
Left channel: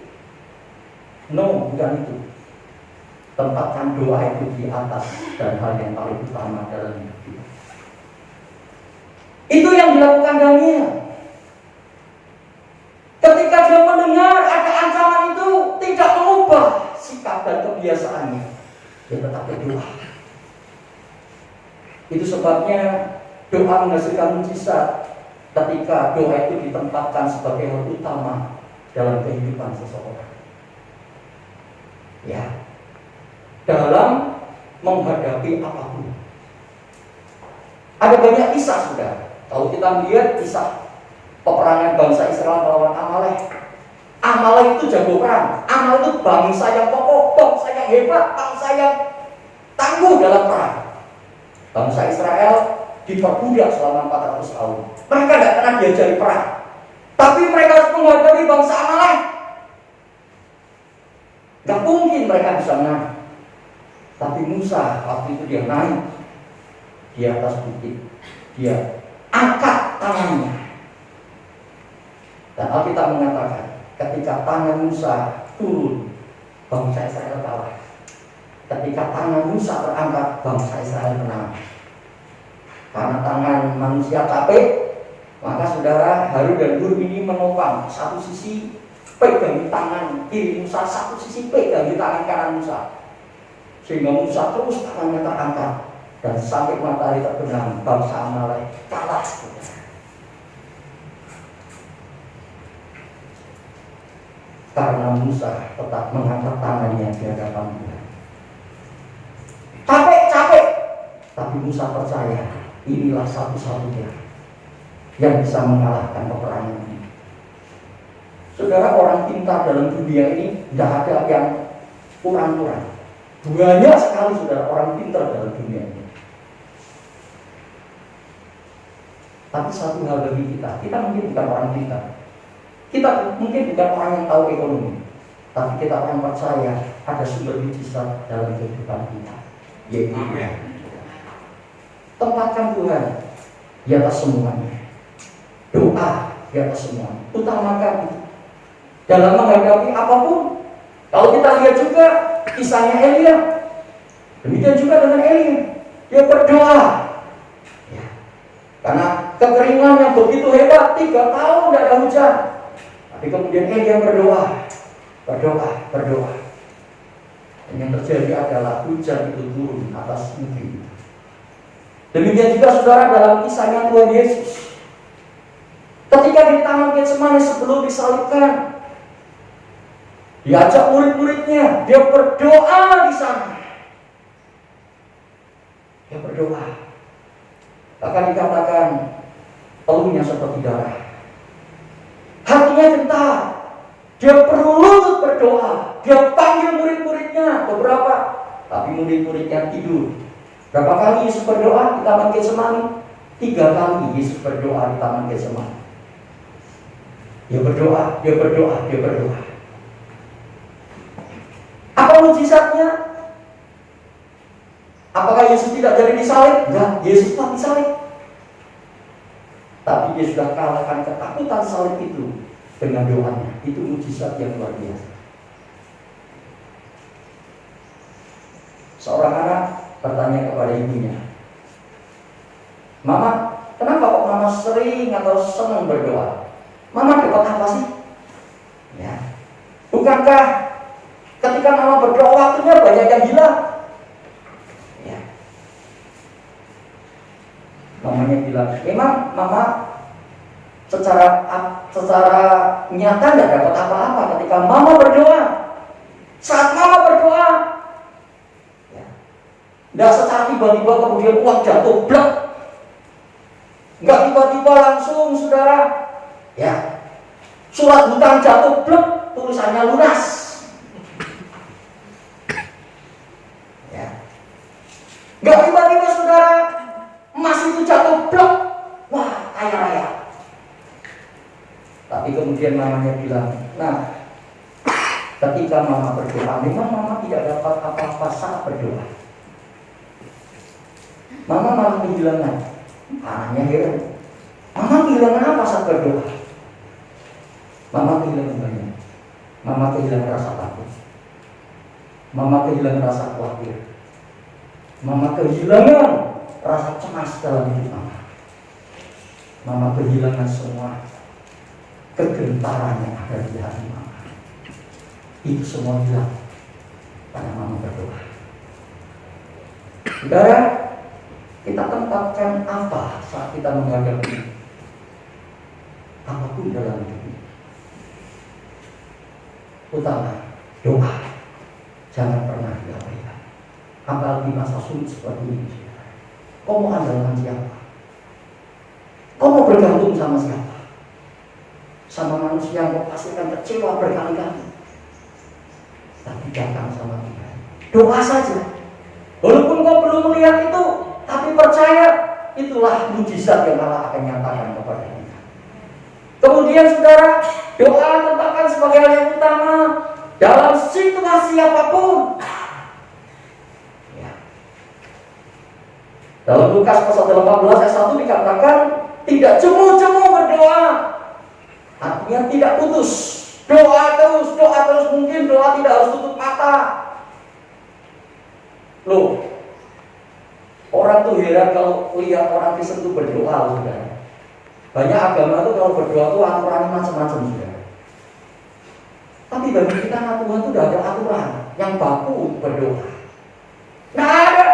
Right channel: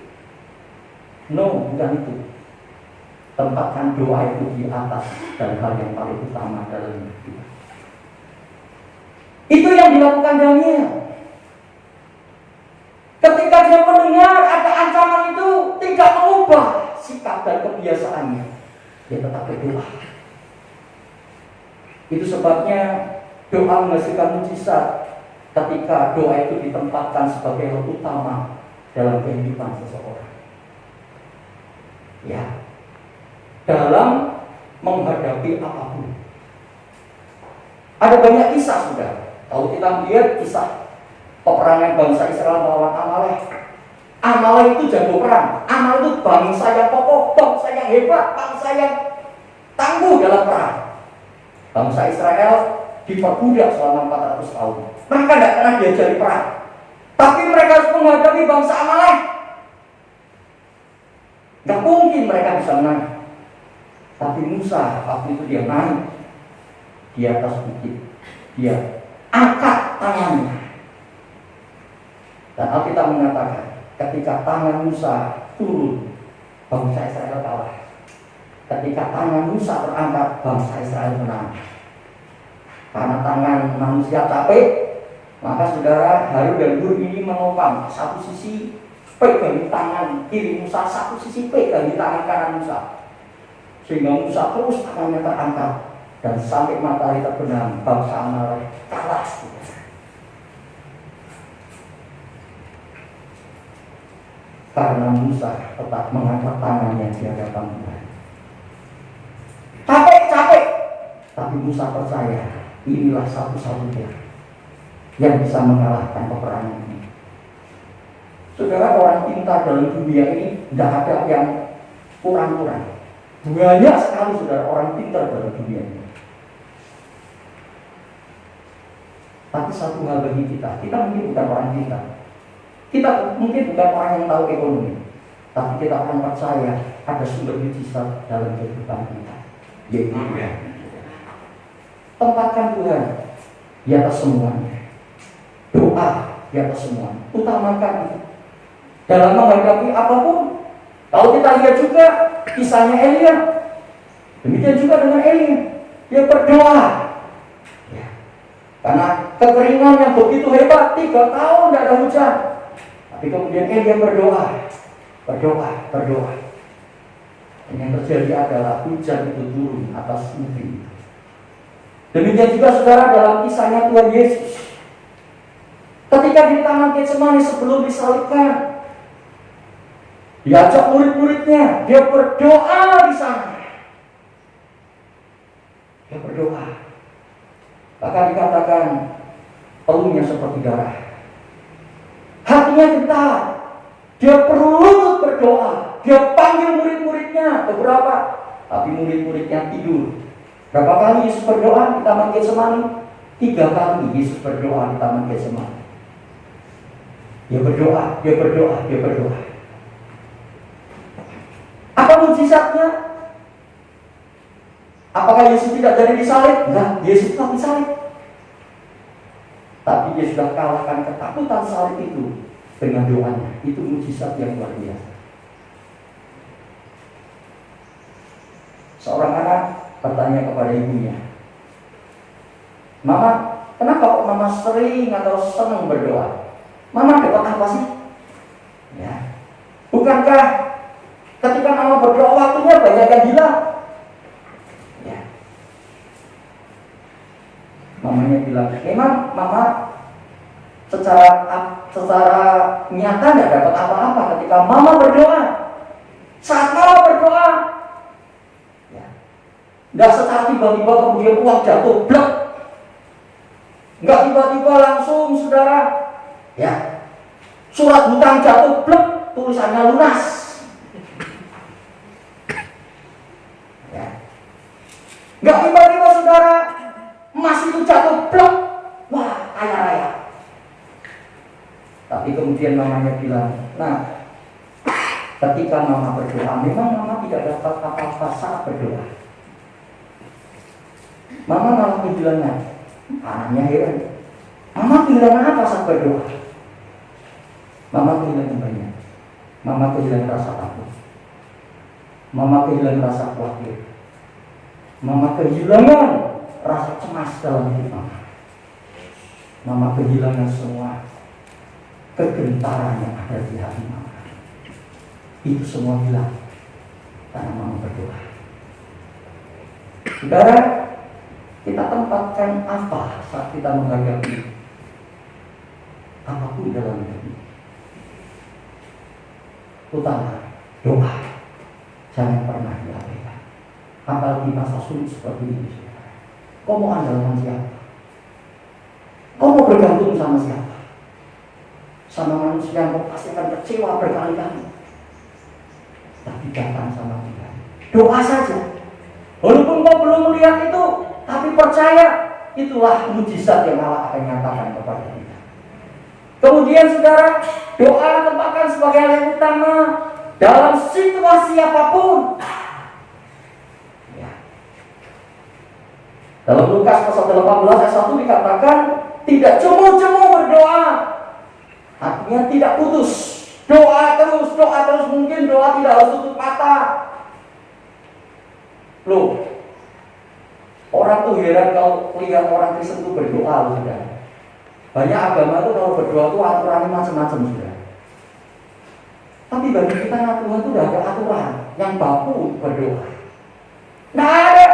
no, bukan itu. Tempatkan doa itu di atas dan hal yang paling utama dalam hidup kita. Itu yang dilakukan Daniel. Ketika dia mendengar ada ancaman itu, tidak mengubah sikap dan kebiasaannya. Dia tetap berdoa. Itu sebabnya doa menghasilkan mujizat ketika doa itu ditempatkan sebagai hal utama dalam kehidupan seseorang. Ya, dalam menghadapi apapun. Ada banyak kisah sudah. Kalau kita melihat kisah peperangan bangsa Israel melawan Amalek. Amalek itu jago perang. Amalek itu bangsa yang kokoh, bangsa yang hebat, bangsa yang tangguh dalam perang. Bangsa Israel diperbudak selama 400 tahun. Mereka tidak pernah diajari perang. Tapi mereka harus menghadapi bangsa Amalek. Tidak mungkin mereka bisa menang. Tapi Musa waktu itu dia naik di atas bukit. Dia angkat tangannya. Dan Alkitab mengatakan ketika tangan Musa turun, bangsa Israel kalah. Ketika tangan Musa terangkat, bangsa Israel menang. Karena tangan manusia capek, maka saudara Harun dan Hur ini menopang. Satu sisi pegang di tangan kiri Musa, satu sisi pegang di tangan kanan Musa. Sehingga Musa terus tangannya terangkat. Dan sampai matahari terbenam, bangsa Amalek kalah. Karena Musa tetap mengangkat tangannya di hadapan Tuhan. Capek, tapi Musa percaya inilah satu-satunya yang bisa mengalahkan peperangan ini. Saudara, orang pintar dalam dunia ini tidak ada yang kurang-kurang. Banyak sekali saudara orang pintar dalam dunia ini. Tapi satu hal bagi kita mungkin bukan orang pintar. Kita mungkin bukan orang yang tahu ekonomi, tapi kita orang percaya ada sumber mujizat dalam kehidupan kita, yaitu Tuhan. Tempatkan Tuhan di atas semuanya. Doa di atas semuanya. Utamakan itu dalam menghadapi apapun. Kalau kita lihat juga kisahnya Elia, demikian juga dengan Elia, dia berdoa. Ya. Karena kekeringan yang begitu hebat, 3 tahun tidak ada hujan. Tapi kemudian Elia berdoa. Dan yang terjadi adalah hujan itu turun atas negeri. Demikian juga saudara dalam kisahnya Tuhan Yesus. Ketika di Taman Getsemani sebelum disalibkan, diajak murid-muridnya, dia berdoa di sana. Dia berdoa. Bahkan dikatakan peluhnya seperti darah. Hatinya gentar. Dia perlu berdoa. Dia panggil murid-muridnya beberapa, tapi murid-muridnya tidur. Berapa kali Yesus berdoa di Taman Getsemani? 3 kali Yesus berdoa di Taman Getsemani. Dia berdoa. Apa mujizatnya? Apakah Yesus tidak jadi disalib? Enggak, Yesus tetap disalib. Tapi dia sudah kalahkan ketakutan salib itu dengan doanya. Itu mujizat yang luar biasa. Seorang anak bertanya kepada ibunya, "Mama, kenapa kok mama sering atau senang berdoa? Mama dapat apa sih?" Ya. Bukankah ketika mama berdoa waktunya banyak yang hilang? Ya. Mamanya bilang, "Emang mama secara nyata tidak dapat apa-apa ketika mama berdoa? Saat mama berdoa, ya, tidak secara tiba-tiba kemudian uang jatuh blek, nggak tiba-tiba langsung saudara, ya, surat hutang jatuh blek, tulisannya lunas, ya, nggak tiba-tiba saudara emas itu jatuh blek, wah kaya raya." Tapi kemudian mamanya bilang, "Nah, ketika mama berdoa, memang mama tidak dapat apa-apa saat berdoa. Mama malah kehilangan." Anaknya heran, "Mama kehilangan apa saat berdoa?" Mama kehilangan banyak. Mama kehilangan rasa takut. Mama kehilangan rasa khawatir. Mama kehilangan rasa cemas dalam hidup mama. Mama kehilangan semua kegentaran yang ada di hati mama. Itu semua hilang karena mama berdoa. Saudara, kita tempatkan apa saat kita menghadapi apapun dalam hidup ini? Utama doa, jangan pernah diabaikan. Apalagi masa sulit seperti ini. Kau mau andalkan siapa? Kau mau bergantung sama siapa? Sama manusia yang kau pasti akan kecewa berkali-kali. Tapi datang sama Tuhan. Doa saja. Walaupun kau belum melihat itu, tapi percaya itulah mujizat yang Allah akan nyatakan kepada kita. Kemudian saudara, doa tempatkan sebagai hal yang utama dalam situasi apapun. Ya. Dalam Lukas pasal 18 ayat 1 dikatakan tidak jemu-jemu berdoa. Artinya tidak putus. Doa terus. Mungkin doa tidak harus tutup mata. Loh, orang tuh heran kalau lihat orang Kristen itu berdoa, saudara. Banyak agama tuh kalau berdoa tuh aturannya macam-macam, saudara. Tapi bagi kita Tuhan tuh udah ada aturan yang baku berdoa. Nah ada,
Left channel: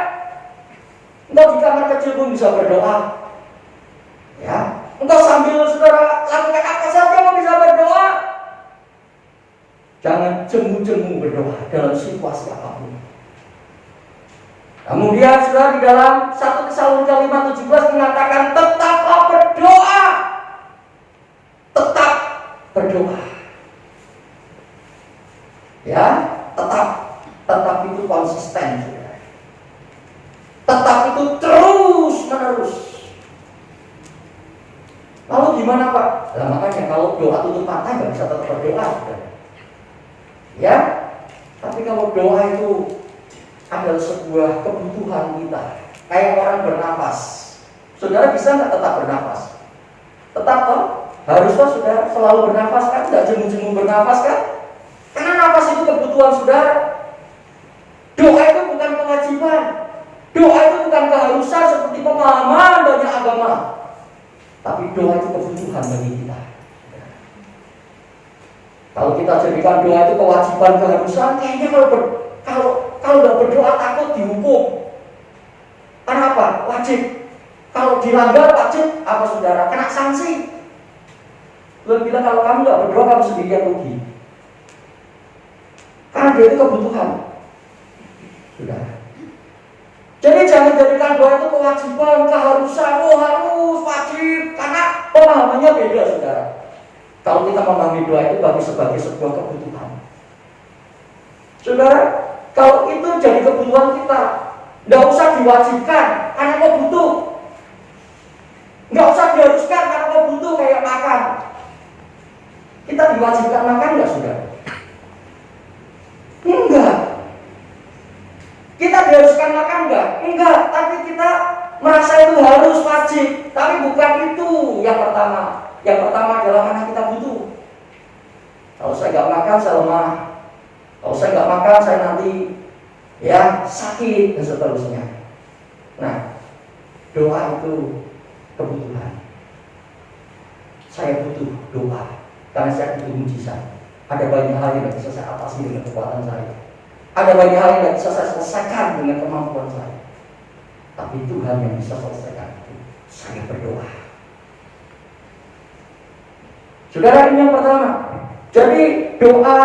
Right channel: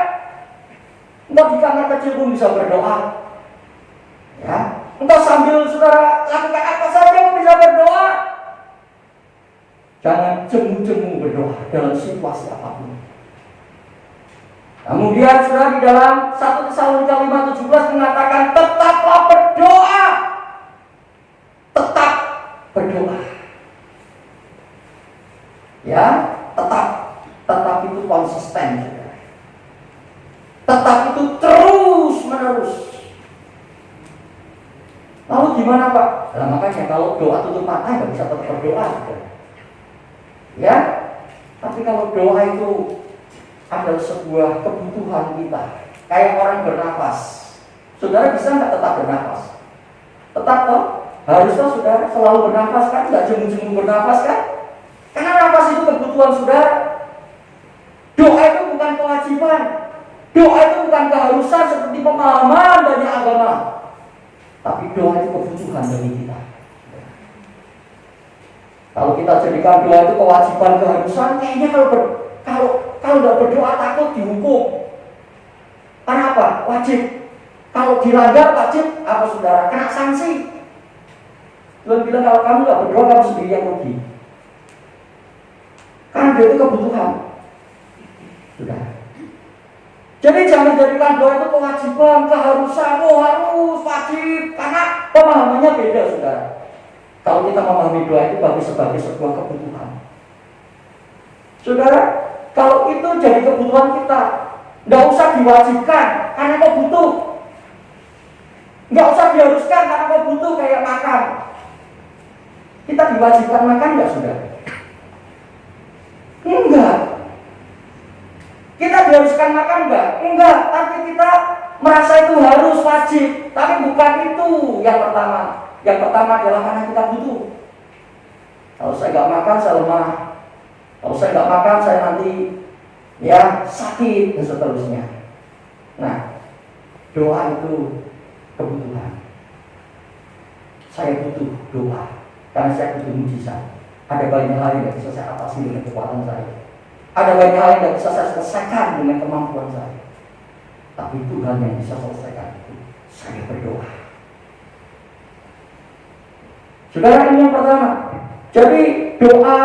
engkau di kamar kecil pun bisa berdoa, ya. Engkau sambil saudara lakukan apa saja pun bisa berdoa. Jangan jemu-jemu berdoa dalam situasi apapun. Kemudian saudara di dalam 1 Tesalonika 5:17 mengatakan tetaplah berdoa. Tetap berdoa. Ya, tetap itu konsisten, saudara. Tetap itu terus menerus. Lalu gimana Pak? Nah, makanya kalau doa tutup mata nggak bisa tetap berdoa, saudara. Ya, tapi kalau doa itu adalah sebuah kebutuhan kita, kayak orang bernafas. Saudara bisa nggak tetap bernafas? Tetap toh? Harusnya saudara selalu bernafas kan? Nggak jemu-jemu bernafas kan? Karena nafas itu kebutuhan saudara. Doa itu bukan kewajiban. Doa itu bukan keharusan seperti pemahaman banyak agama. Tapi doa itu kebutuhan bagi kita. Kalau kita jadikan doa itu kewajiban keharusan, kayaknya kalau nggak berdoa takut dihukum. Karena apa? Wajib. Kalau dilanggar wajib apa saudara? Kena sanksi. Tuhan bilang kalau kamu nggak berdoa kamu sendiri yang rugi. Karena dia itu kebutuhan. Sudah. Jadi jangan jadikan doa itu kewajiban, keharusan, harus wajib. Karena pemahamannya beda, saudara. Kalau kita memahami doa itu bagus sebagai sebuah kebutuhan. Saudara, kalau itu jadi kebutuhan kita, nggak usah diwajibkan karena kau butuh. Nggak usah diharuskan karena kau butuh kayak makan. Kita diwajibkan makan nggak, saudara? Enggak. Kita diharuskan makan enggak? Enggak, tapi kita merasa itu harus wajib. Tapi bukan itu yang pertama. Yang pertama adalah karena kita butuh. Kalau saya nggak makan, saya lemah. Kalau saya nggak makan, saya nanti ya sakit dan seterusnya. Nah, doa itu kebutuhan. Saya butuh doa karena saya butuh mujizat. Ada banyak hal yang bisa saya atasi dengan kekuatan saya. Ada banyak hal yang bisa saya selesaikan dengan kemampuan saya. Tapi Tuhan yang bisa selesaikan itu. Saya berdoa. Saudara, ini yang pertama. Jadi doa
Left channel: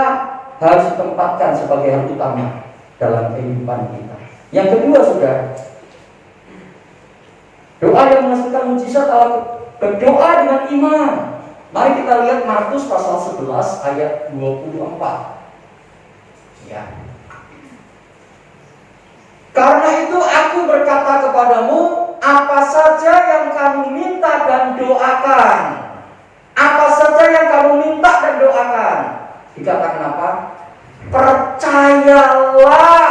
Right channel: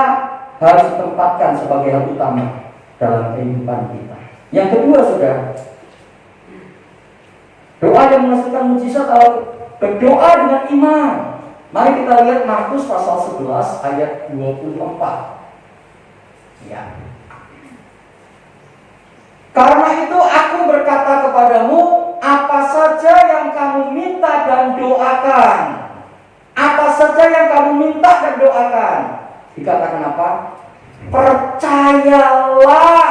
harus ditempatkan sebagai hal utama dalam kehidupan kita. Yang kedua, saudara, doa yang menghasilkan mujizat adalah berdoa dengan iman. Mari kita lihat Markus pasal 11 ayat 24. Ya. Karena itu aku berkata kepadamu, apa saja yang kamu minta dan doakan. Apa saja yang kamu minta dan doakan. Dikatakan apa? Percayalah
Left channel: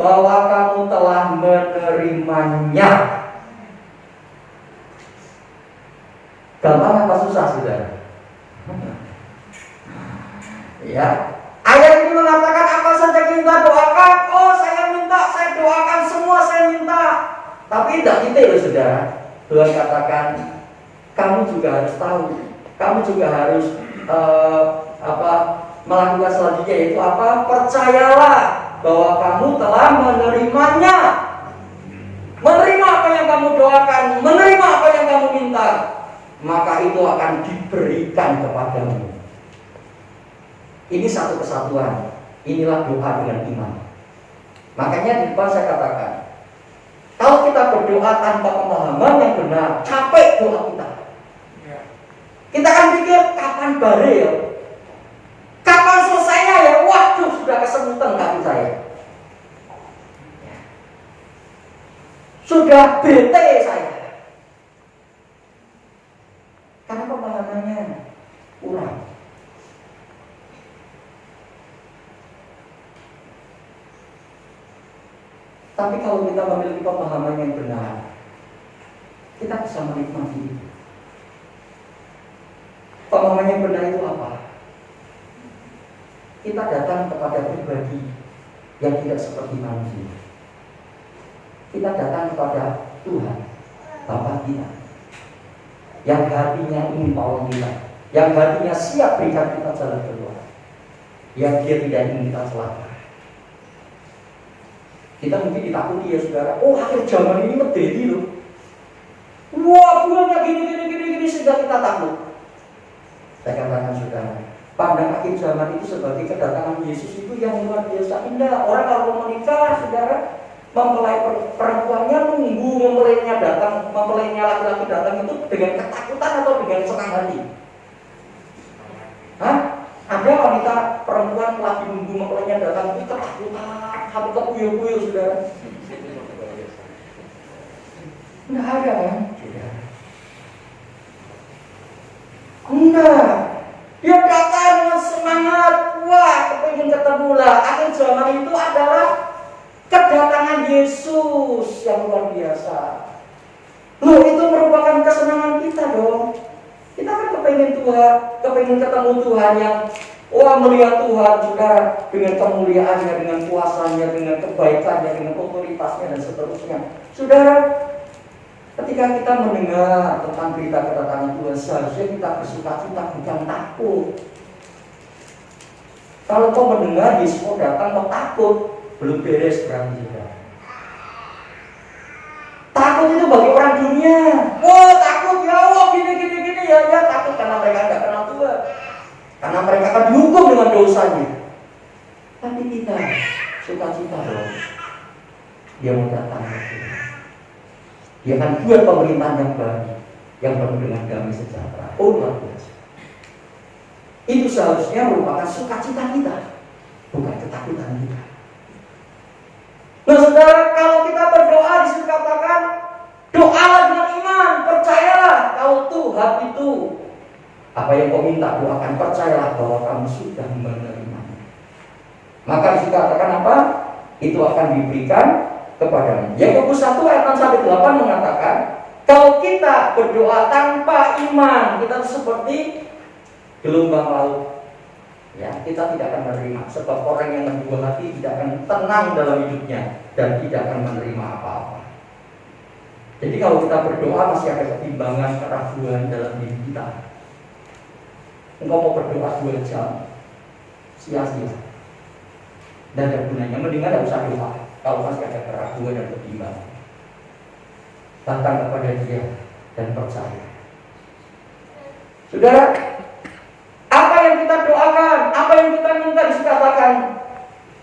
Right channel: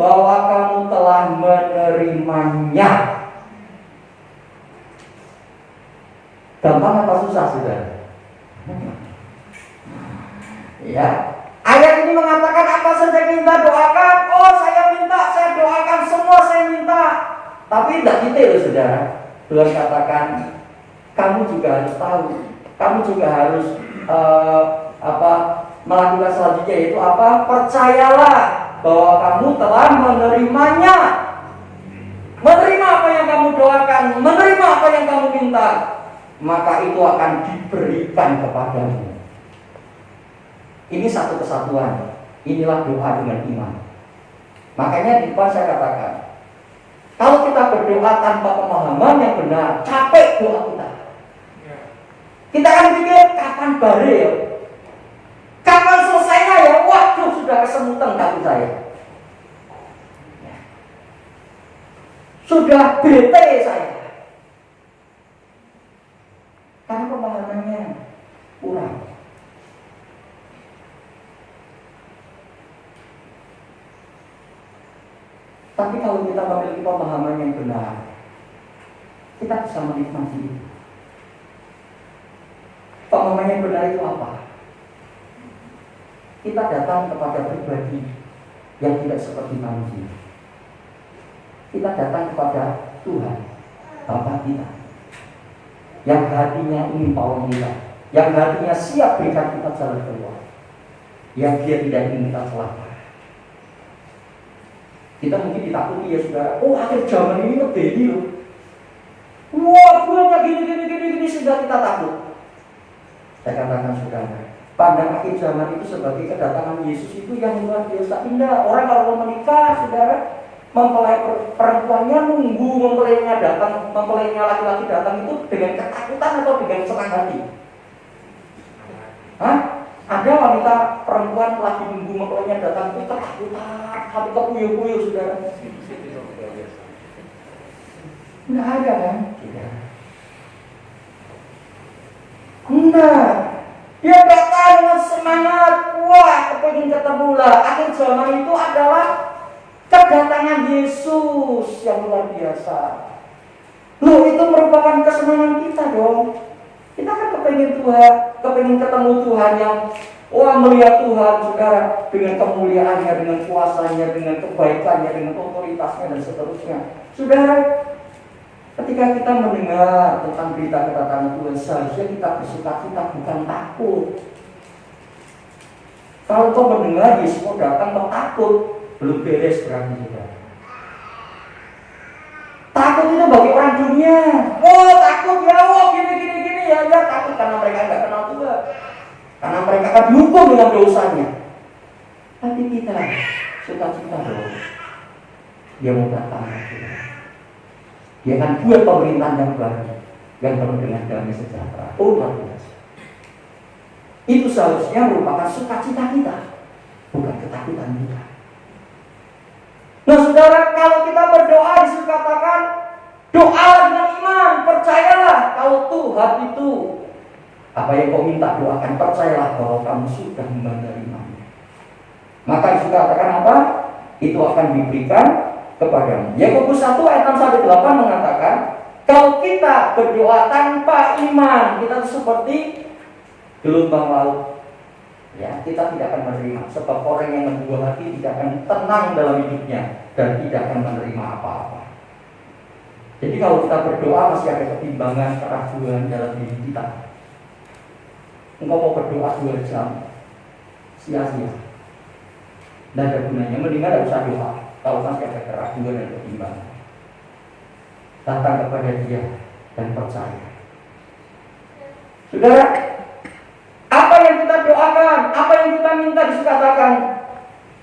bahwa kamu telah menerimanya. Gampang apa susah, saudara? Ya. Ayat ini mengatakan apa saja kita doakan. Oh, saya minta, saya doakan semua, saya minta. Tapi tidak detail, saudara. Tuhan katakan, kamu juga harus tahu. Kamu juga harus melakukan selanjutnya, yaitu apa? Percayalah bahwa kamu telah menerimanya. Menerima apa yang kamu doakan, menerima apa yang kamu minta, maka itu akan diberikan kepadamu. Ini satu kesatuan. Inilah doa dengan iman. Makanya di depan saya katakan, kalau kita berdoa tanpa pemahaman yang benar, capek doa kita. Kita akan pikir kapan bare ya, kapan selesainya ya. Waduh, sudah kesemutan kaki saya, sudah bete saya, karena pemahamannya kurang. Tapi kalau kita memiliki pemahaman yang benar, kita bisa menikmati itu. Pemahaman yang benar itu apa? Kita datang kepada pribadi yang tidak seperti manusia. Kita datang kepada Tuhan, Bapa kita, yang hatinya ingin tolong kita, yang hatinya siap berikan kita jalan keluar, yang dia tidak ingin kita celaka. Kita mungkin ditakuti ya saudara, oh akhir zaman ini medeni loh. Wah, Tuhannya gini sehingga kita takut. Saya katakan saudara, pandang akhir zaman itu sebagai kedatangan Yesus itu yang luar biasa indah. Orang kalau menikah, saudara, mempelai perempuannya menunggu mempelainya datang, mempelainya laki-laki datang itu dengan ketakutan atau dengan senang hati? Hah? Ada wanita perempuan lagi nunggu mempelainya datang itu ketakutan, hati kepuyuh-puyuh, saudara. Enggak ada kan? Enggak. Dia datang dengan semangat, wah, kepingin ketemu lah. Akhir zaman itu adalah kedatangan Yesus yang luar biasa. Loh, itu merupakan kesenangan kita dong. Kita kan kepingin Tuhan, kepingin ketemu Tuhan yang wah, melihat Tuhan, saudara, dengan kemuliaannya, dengan kuasanya, dengan kebaikannya, dengan otoritasnya dan seterusnya. Saudara, ketika kita mendengar tentang berita kedatangan Tuhan, seharusnya kita bersuka-cita, bukan takut. Kalau kau mendengar Yesus mau datang, kau takut, belum beres berarti juga. Takut itu bagi orang dunia. Oh, takut ya, oh gini, ya takut karena mereka nggak kenal Tuhan, karena mereka akan dihukum dengan dosanya. Tapi kita suka-cita loh, dia mau datang ke kita. Dia akan buat pemerintahan yang baru, yang penuh dengan damai sejahtera. Oh, luar biasa. Itu seharusnya merupakan sukacita kita, bukan ketakutan kita. Nah, saudara, kalau kita berdoa disitu katakan, doalah dengan iman, percayalah kalau Tuhan itu apa yang kau minta doakan, percayalah bahwa kamu sudah menerimanya. Maka disitu katakan apa? Itu akan diberikan kepadamu. Yakobus 1 ayat 6-8 mengatakan, kalau kita berdoa tanpa iman, kita seperti gelombang laut. Ya, kita tidak akan menerima, sebab orang yang membuah hati tidak akan tenang dalam hidupnya dan tidak akan menerima apa-apa. Jadi kalau kita berdoa masih ada ketimbangan, keraguan dalam diri kita. Engkau mau berdoa 2 jam, sia-sia. Dan ada gunanya, mendingan tidak usah doa kalau masih ada keraguan dan ketimbangan. Datang kepada Dia dan percaya. Saudara, apa yang kita doakan, apa yang kita minta dikatakan,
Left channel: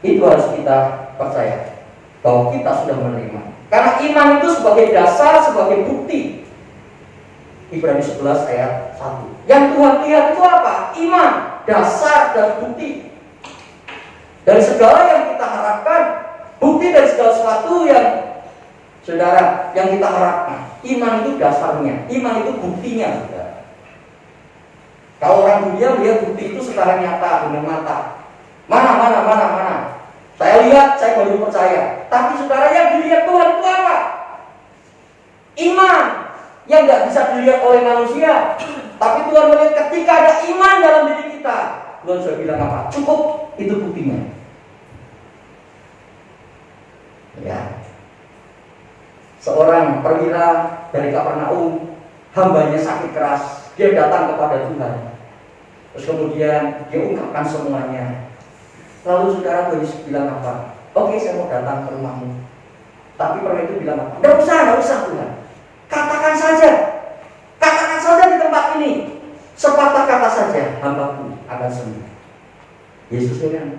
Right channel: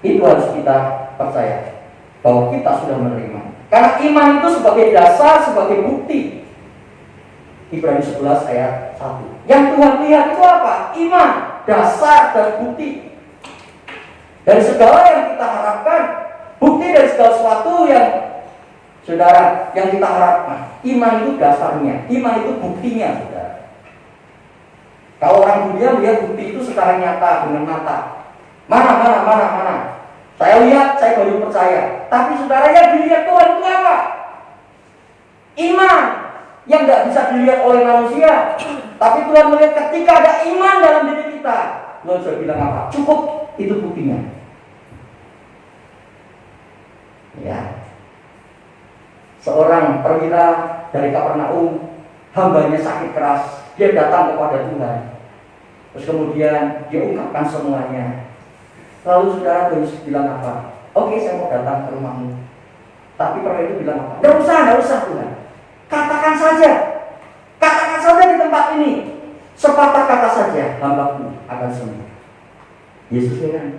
itu harus kita percaya bahwa kita sudah menerima. Karena iman itu sebagai dasar, sebagai bukti. Ibrani 11 ayat 1. Yang Tuhan lihat itu apa? Iman, dasar dan bukti. Dari segala yang kita harapkan, bukti dari segala sesuatu yang saudara, yang kita harapkan. Iman itu dasarnya, iman itu buktinya, saudara. Kalau orang dunia melihat bukti itu secara nyata dengan mata. Mana. Saya lihat, saya baru percaya. Tapi saudara, yang dilihat Tuhan itu apa? Iman yang nggak bisa dilihat oleh manusia. Tapi Tuhan melihat ketika ada iman dalam diri kita. Tuhan sudah bilang apa? Cukup, itu buktinya. Ya. Seorang perwira dari Kapernaum, hambanya sakit keras. Dia datang kepada Tuhan. Terus kemudian dia ungkapkan semuanya. Lalu saudara bilang apa? Oke, saya mau datang ke rumahmu. Tapi perwira itu bilang apa? Tidak usah Tuhan. Katakan saja di tempat ini. Sepatah kata saja, hambaku akan sembuh. Yesus bilang,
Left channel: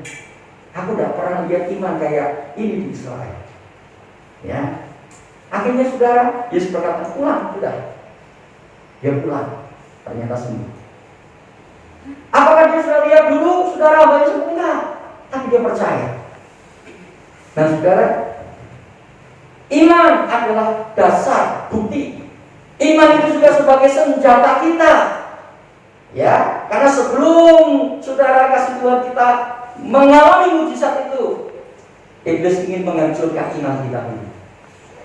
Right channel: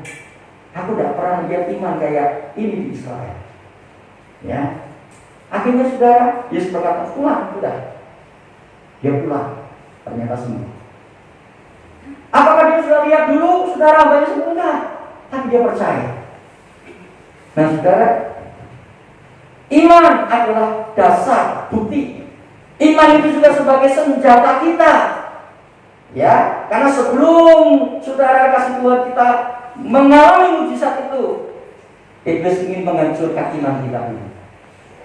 aku tidak pernah melihat iman kayak ini di Israel. Ya. Akhirnya saudara, Yesus berkata, pulang, sudah. Dia pulang, ternyata sembuh. Apakah dia sudah lihat dulu, saudara, hambanya sembuh? Enggak. Tapi dia percaya. Nah, saudara, iman adalah dasar, bukti. Iman itu juga sebagai senjata kita. Ya, karena sebelum saudara kasih Tuhan kita mengalami mujizat itu, iblis ingin menghancurkan iman kita ini.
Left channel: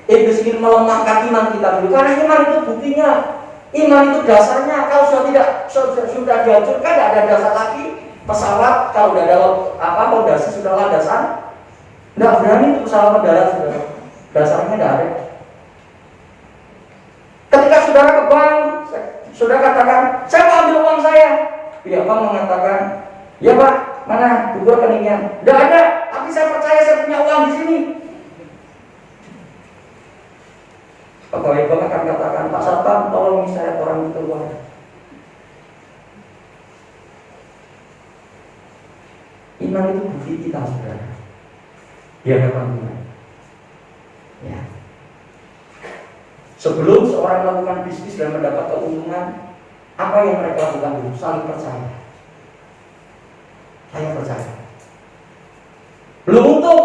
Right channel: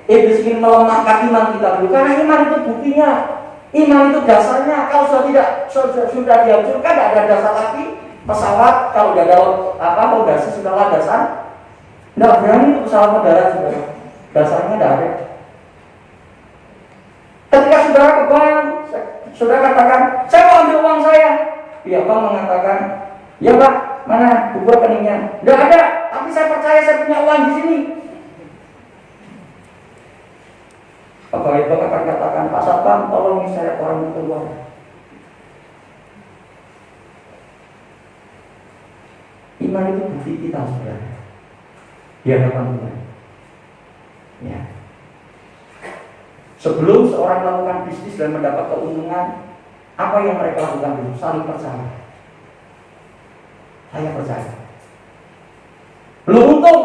Iblis ingin melemahkan iman kita dulu. Karena iman itu buktinya. Iman itu dasarnya. Kalau sudah dihancurkan, tidak ada dasar lagi. Pesawat kalau tidak ada fondasi sudah landasan, tidak berani untuk pesawat mendarat, saudara. Dasarnya tidak ada. Ketika saudara ke bank, saudara katakan, saya mau ambil uang saya. Pihak bank mengatakan, ya Pak, mana buku rekeningnya? Tidak ada, tapi saya percaya saya punya uang di sini. Pegawai bank akan katakan, Pak Satpam, tolong saya orang itu uang. Iman itu bukti kita, saudara, di hadapan Tuhan. Ya. Sebelum seorang melakukan bisnis dan mendapat keuntungan, apa yang mereka lakukan dulu? Saling percaya. Saya percaya. Belum untung,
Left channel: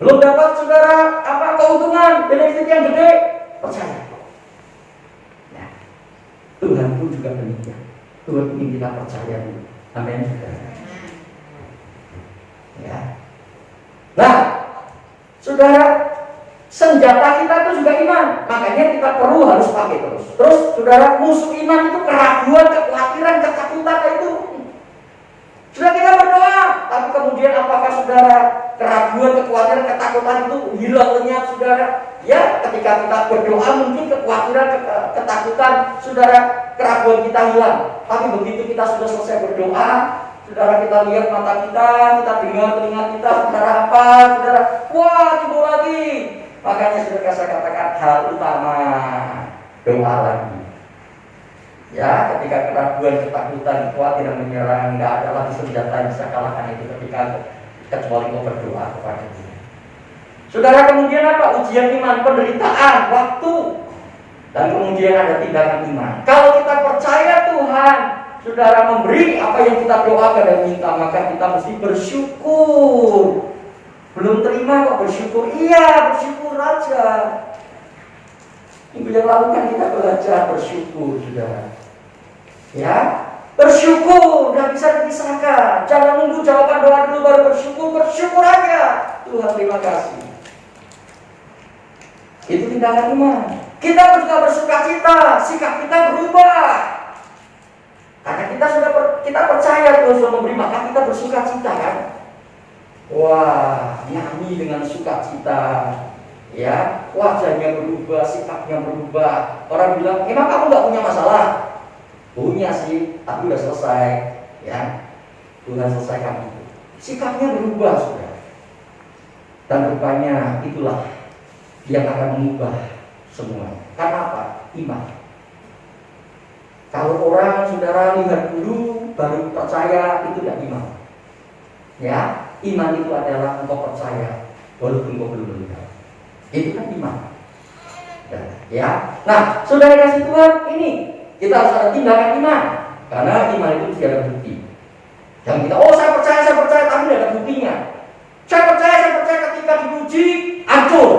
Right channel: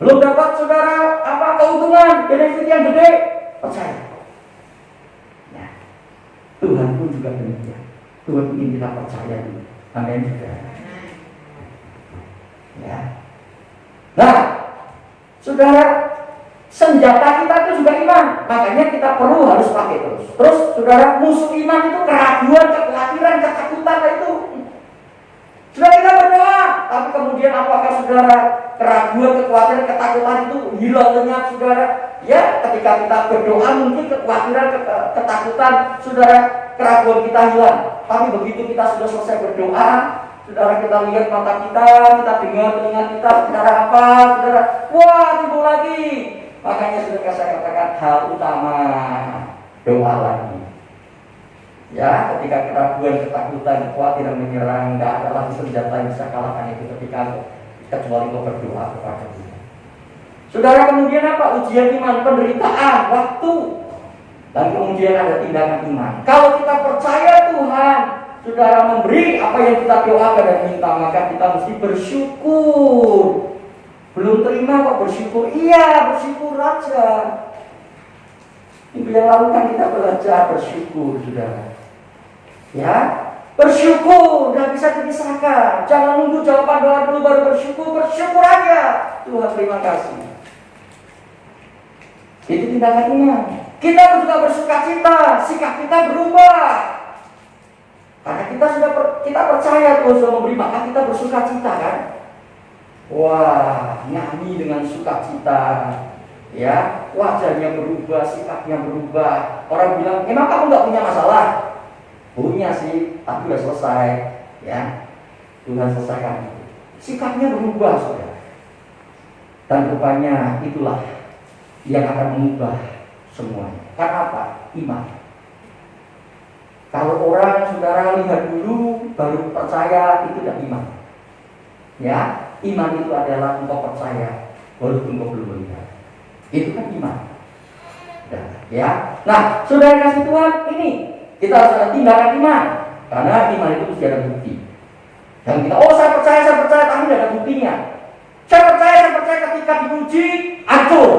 belum dapat saudara keuntungan, benefit yang gede, percaya. Ya. Tuhan pun juga demikian. Tuhan ingin kita percaya dulu. Amin. Ya. Nah, saudara, senjata kita itu juga iman. Makanya kita perlu harus pakai terus. Terus saudara, musuh iman itu keraguan, kekhawatiran, ketakutan itu. Sudah kita berdoa, tapi kemudian apakah saudara keraguan, kekhawatiran, ketakutan itu hilang lenyap saudara? Ya, ketika kita berdoa mungkin kekhawatiran, ketakutan saudara, keraguan kita hilang. Tapi begitu kita sudah selesai berdoa, saudara, kita lihat mata kita dengar telinga kita, saudara apa? Saudara, wah timbul lagi. Makanya saudara saya katakan hal utama doa lagi. Ya, ketika keraguan, ketakutan, kekhawatiran menyerang, nggak ada lagi senjata yang bisa kalahkan itu kecuali kau berdoa kepada Dia. Saudara, kemudian apa? Ujian iman, penderitaan, waktu, dan kemudian ada tindakan iman. Kalau kita percaya Tuhan, saudara, memberi apa yang kita doakan dan minta, maka kita mesti bersyukur. Belum terima kok bersyukur? Iya, bersyukur aja. Minggu yang lalu kan kita belajar bersyukur, saudara. Ya, bersyukur, udah bisa dipisahkan. Jangan nunggu jawaban doa dulu baru bersyukur. Bersyukur aja. Tuhan terima kasih. Itu tindakan iman. Kita juga bersuka cita, sikap kita berubah. Karena kita percaya Tuhan sudah memberi, maka kita bersuka cita kan. Wah, nyanyi dengan sukacita, ya, wajahnya berubah, sikapnya berubah. Orang bilang, emang kamu nggak punya masalah? Punya sih, tapi udah selesai, ya. Tuhan selesaikan itu. Sikapnya berubah, saudara. Dan rupanya itulah yang akan mengubah semuanya. Karena apa? Iman. Kalau orang saudara lihat dulu baru percaya, itu tidak iman. Ya, iman itu adalah engkau percaya walaupun engkau belum melihat. Itu kan iman. Ya. Nah, saudara kasih Tuhan, ini kita harus ada tindakan iman. Karena iman itu mesti ada bukti. Yang kita, saya percaya, tapi tidak ada buktinya. Saya percaya ketika dipuji, hancur.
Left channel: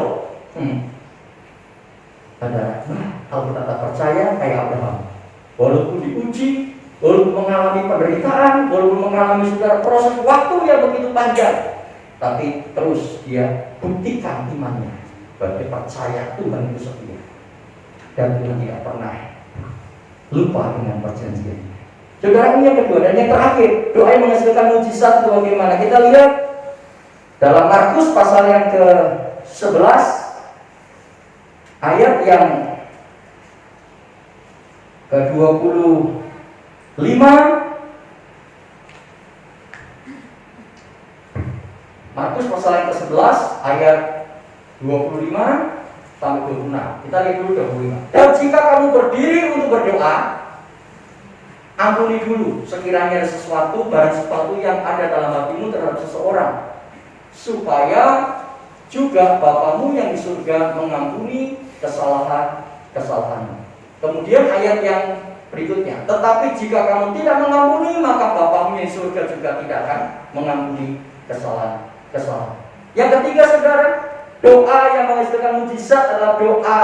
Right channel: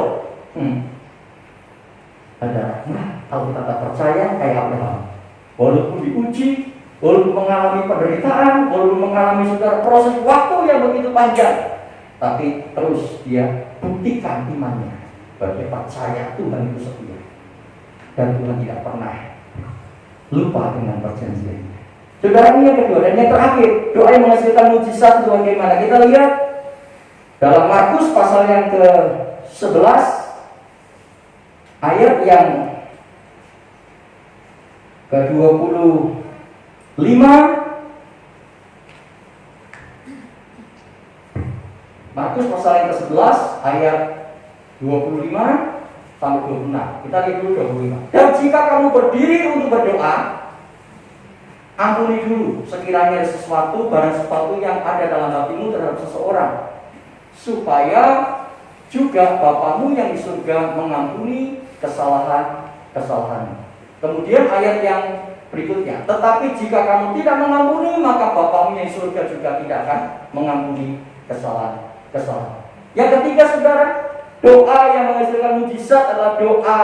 Kalau kita tak percaya, kayak Abraham. Walaupun diuji, walaupun mengalami penderitaan, walaupun mengalami saudara proses waktu yang begitu panjang, tapi terus dia buktikan imannya. Bahwa dia percaya Tuhan itu setia. Dan Tuhan tidak pernah lupa dengan perjanjiannya. Saudara, ini yang kedua. Dan yang terakhir, doa yang menghasilkan mujizat itu bagaimana? Kita lihat dalam Markus pasal yang ke-11 ayat yang ke-25. Markus pasal yang ke-11 ayat 25 sampai 26. Kita lihat dulu 25. Dan jika kamu berdiri untuk berdoa, ampuni dulu sekiranya ada sesuatu, barang sesuatu yang ada dalam hatimu terhadap seseorang, supaya juga Bapamu yang di surga mengampuni kesalahan-kesalahanmu. Kemudian ayat yang berikutnya, tetapi jika kamu tidak mengampuni, maka Bapamu yang di surga juga tidak akan mengampuni kesalahan-kesalahan. Yang ketiga, saudara, doa yang menghasilkan mujizat adalah doa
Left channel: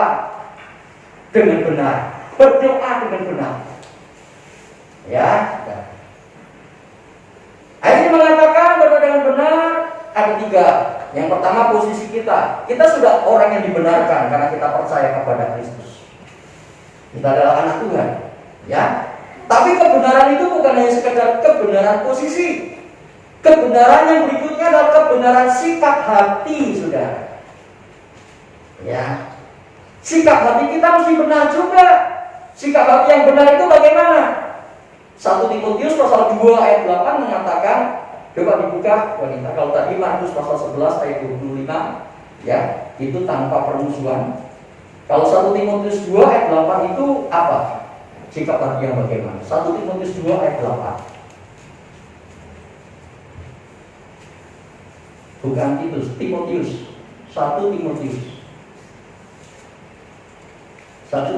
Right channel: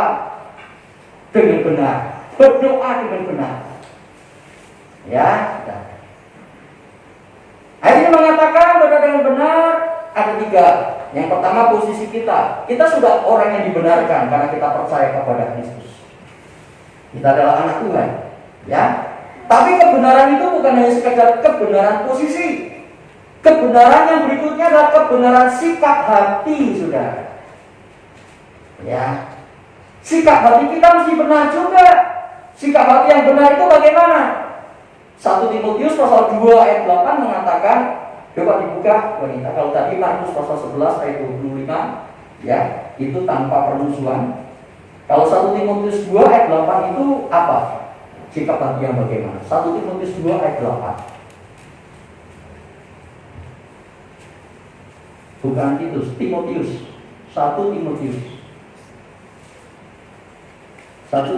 dengan benar. Berdoa dengan benar. Ya. Ayat ini mengatakan berdoa dengan benar ada tiga. Yang pertama, posisi kita. Kita sudah orang yang dibenarkan karena kita percaya kepada Kristus. Kita adalah anak Tuhan. Ya. Tapi kebenaran itu bukan hanya sekedar kebenaran posisi. Kebenaran yang berikutnya adalah kebenaran sikap hati, saudara. Ya, sikap hati kita mesti benar juga. Sikap hati yang benar itu bagaimana? 1 Timotius pasal 2 ayat 8 mengatakan, coba dibuka wanita. Kalau tadi Markus pasal 11 ayat 25, ya, itu tanpa permusuhan. Kalau 1 Timotius 2 ayat 8 itu apa? Sikap hati yang bagaimana? 1 Timotius 2 ayat 8. Bukan Timotius. 1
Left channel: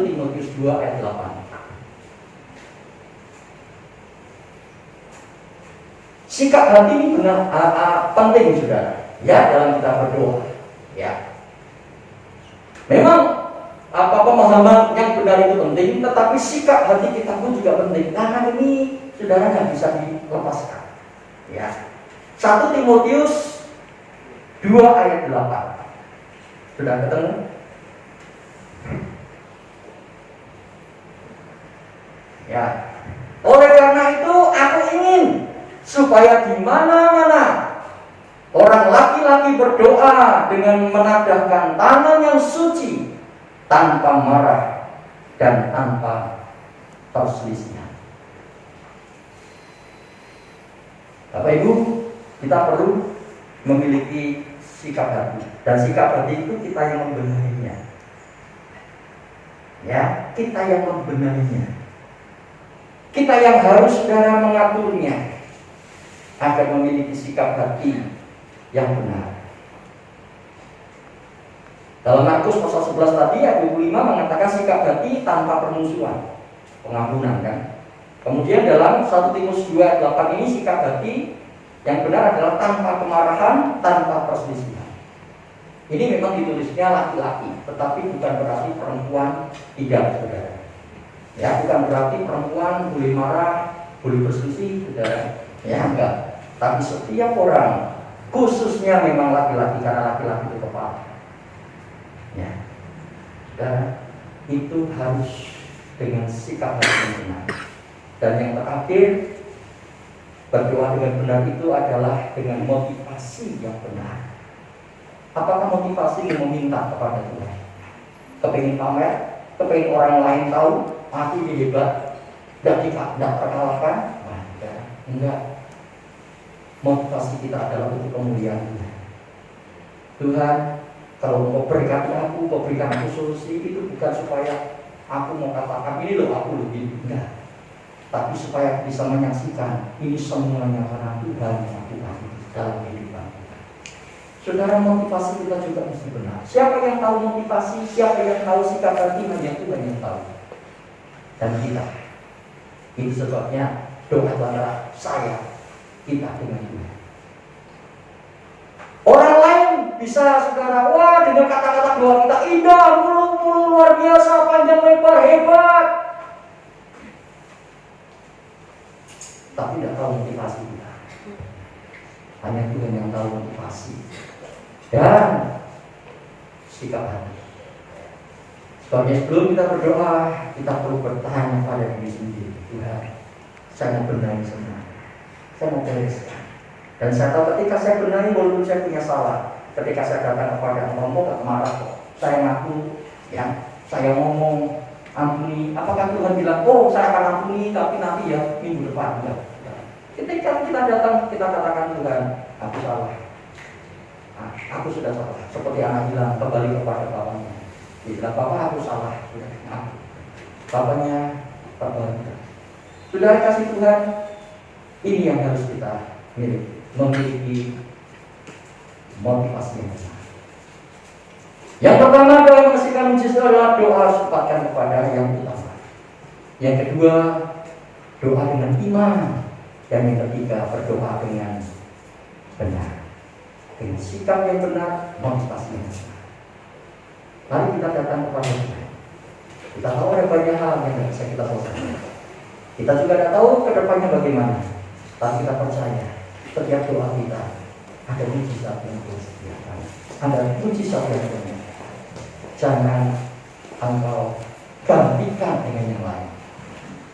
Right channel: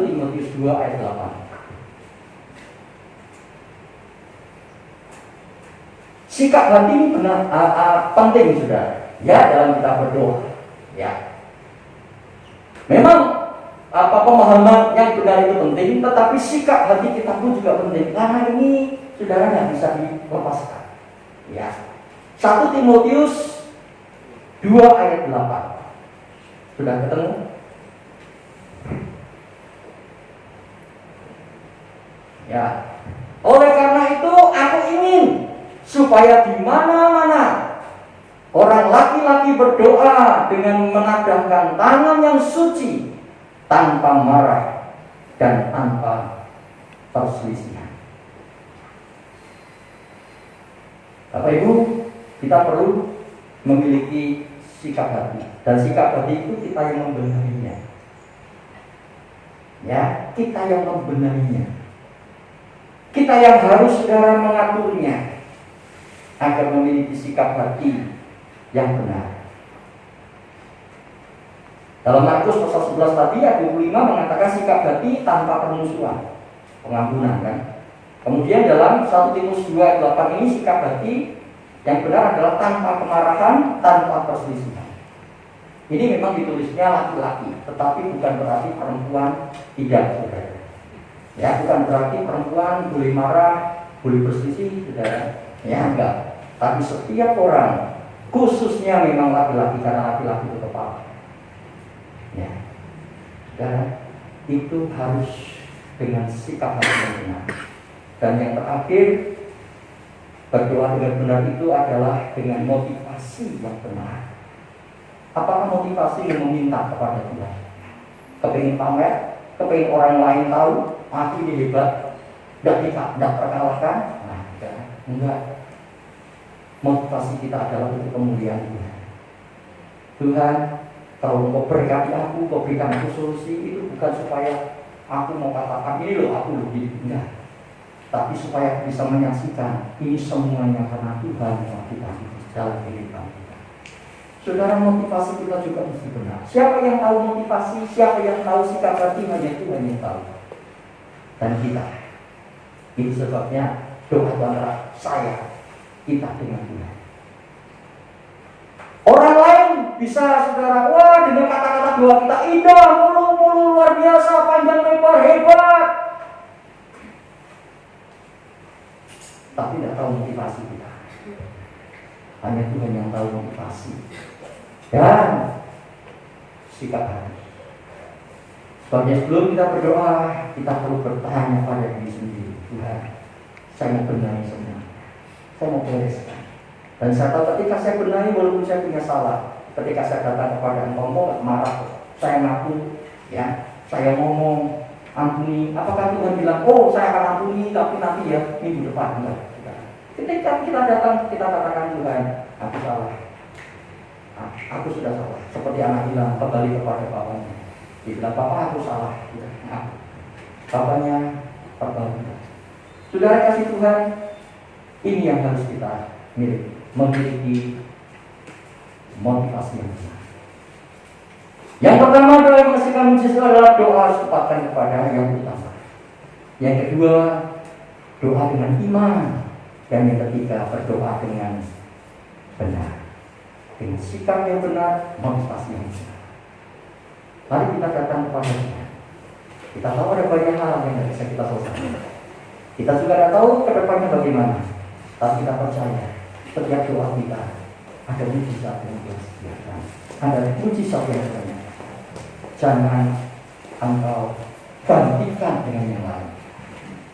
Timotius 2 ayat 8. Sikap hati ini benar penting, saudara. Ya, dalam kita berdoa. Ya, memang pemahaman yang benar itu penting, tetapi sikap hati kita pun juga penting. Karena ini, saudara, nggak bisa dilepaskan. Ya, 1 Timotius 2 ayat 8. Sudah ketemu? Ya. Oleh karena itu aku ingin supaya di mana-mana orang laki-laki berdoa dengan menadahkan tangan yang suci, tanpa marah dan tanpa perselisihan. Bapak Ibu, kita perlu memiliki sikap hati, dan sikap hati itu kita yang membenahinya. Ya, kita yang membenahinya. Kita yang harus, saudara, mengaturnya agar memiliki sikap hati yang benar. Dalam Markus pasal 11 tadi ayat 25 mengatakan sikap hati tanpa permusuhan, pengampunan, kan? Kemudian dalam 1 Timotius 2 ayat 8 ini sikap hati yang benar adalah tanpa kemarahan, tanpa perselisihan. Ini memang ditulisnya laki-laki, tetapi bukan berarti perempuan tidak, saudara. Ya, bukan berarti perempuan boleh marah, boleh berselisih, saudara. Ya, enggak. Tapi setiap orang, khususnya memang laki-laki, karena laki-laki itu kepala. Ya, dan itu harus dengan sikap hati yang benar. Dan yang terakhir, berdoa dengan benar itu adalah dengan motivasi yang benar. Apakah motivasi yang meminta kepada Tuhan? Kepingin pamer, kepingin orang lain tahu, aku ini hebat, tidak terkalahkan? Nah, enggak. Motivasi kita adalah untuk kemuliaan Tuhan. Tuhan, kalau mau berkati aku, kau berikan aku solusi, itu bukan supaya aku mau katakan ini loh aku lebih, enggak. Tapi supaya bisa menyaksikan ini semuanya karena Tuhan yang lakukan dalam kehidupan kita. Saudara, motivasi kita juga mesti benar. Siapa yang tahu motivasi, siapa yang tahu sikap hati, hanya Tuhan yang tahu. Dan kita. Itu sebabnya doa antara saya, kita dengan Tuhan. Orang lain bisa, saudara, wah, dengan kata-kata doa kita indah, mulu-mulu, luar biasa, panjang lebar, hebat. Tapi tidak tahu motivasi kita. Hanya Tuhan yang tahu motivasi dan sikap hati. Sebabnya sebelum kita berdoa, kita perlu bertanya pada diri sendiri. Tuhan, saya mau benahi semua, saya mau bereskan. Dan saya tahu ketika saya benahi, walaupun saya punya salah, ketika saya datang kepada Engkau, mau gak marah, saya ngaku, ya, saya ngomong, ampuni. Apakah Tuhan bilang, oh saya akan ampuni, tapi nanti ya minggu depan? Enggak. Ketika kita datang, kita katakan, Tuhan, aku salah. Nah, aku sudah salah. Seperti anak bilang, kembali kepada bapaknya. Dia bilang, Bapak, aku salah. Nah, bapaknya perbaiki. Sudah kasih Tuhan, ini yang harus kita miliki. Memiliki motivasi yang besar. Yang pertama adalah yang mesti kami justru adalah doa supatkan kepada yang utama. Yang kedua, doa dengan iman. Dan yang ketiga, berdoa dengan benar, dengan sikap yang benar, motivasi yang benar. Lalu kita datang kepada Tuhan. Kita tahu ada banyak hal yang tidak bisa kita selesaikan. Kita juga tidak tahu ke depannya bagaimana. Tapi kita percaya setiap doa kita ada mujizat yang Tuhan sediakan, ada mujizat yang banyak. Jangan engkau gantikan dengan yang lain.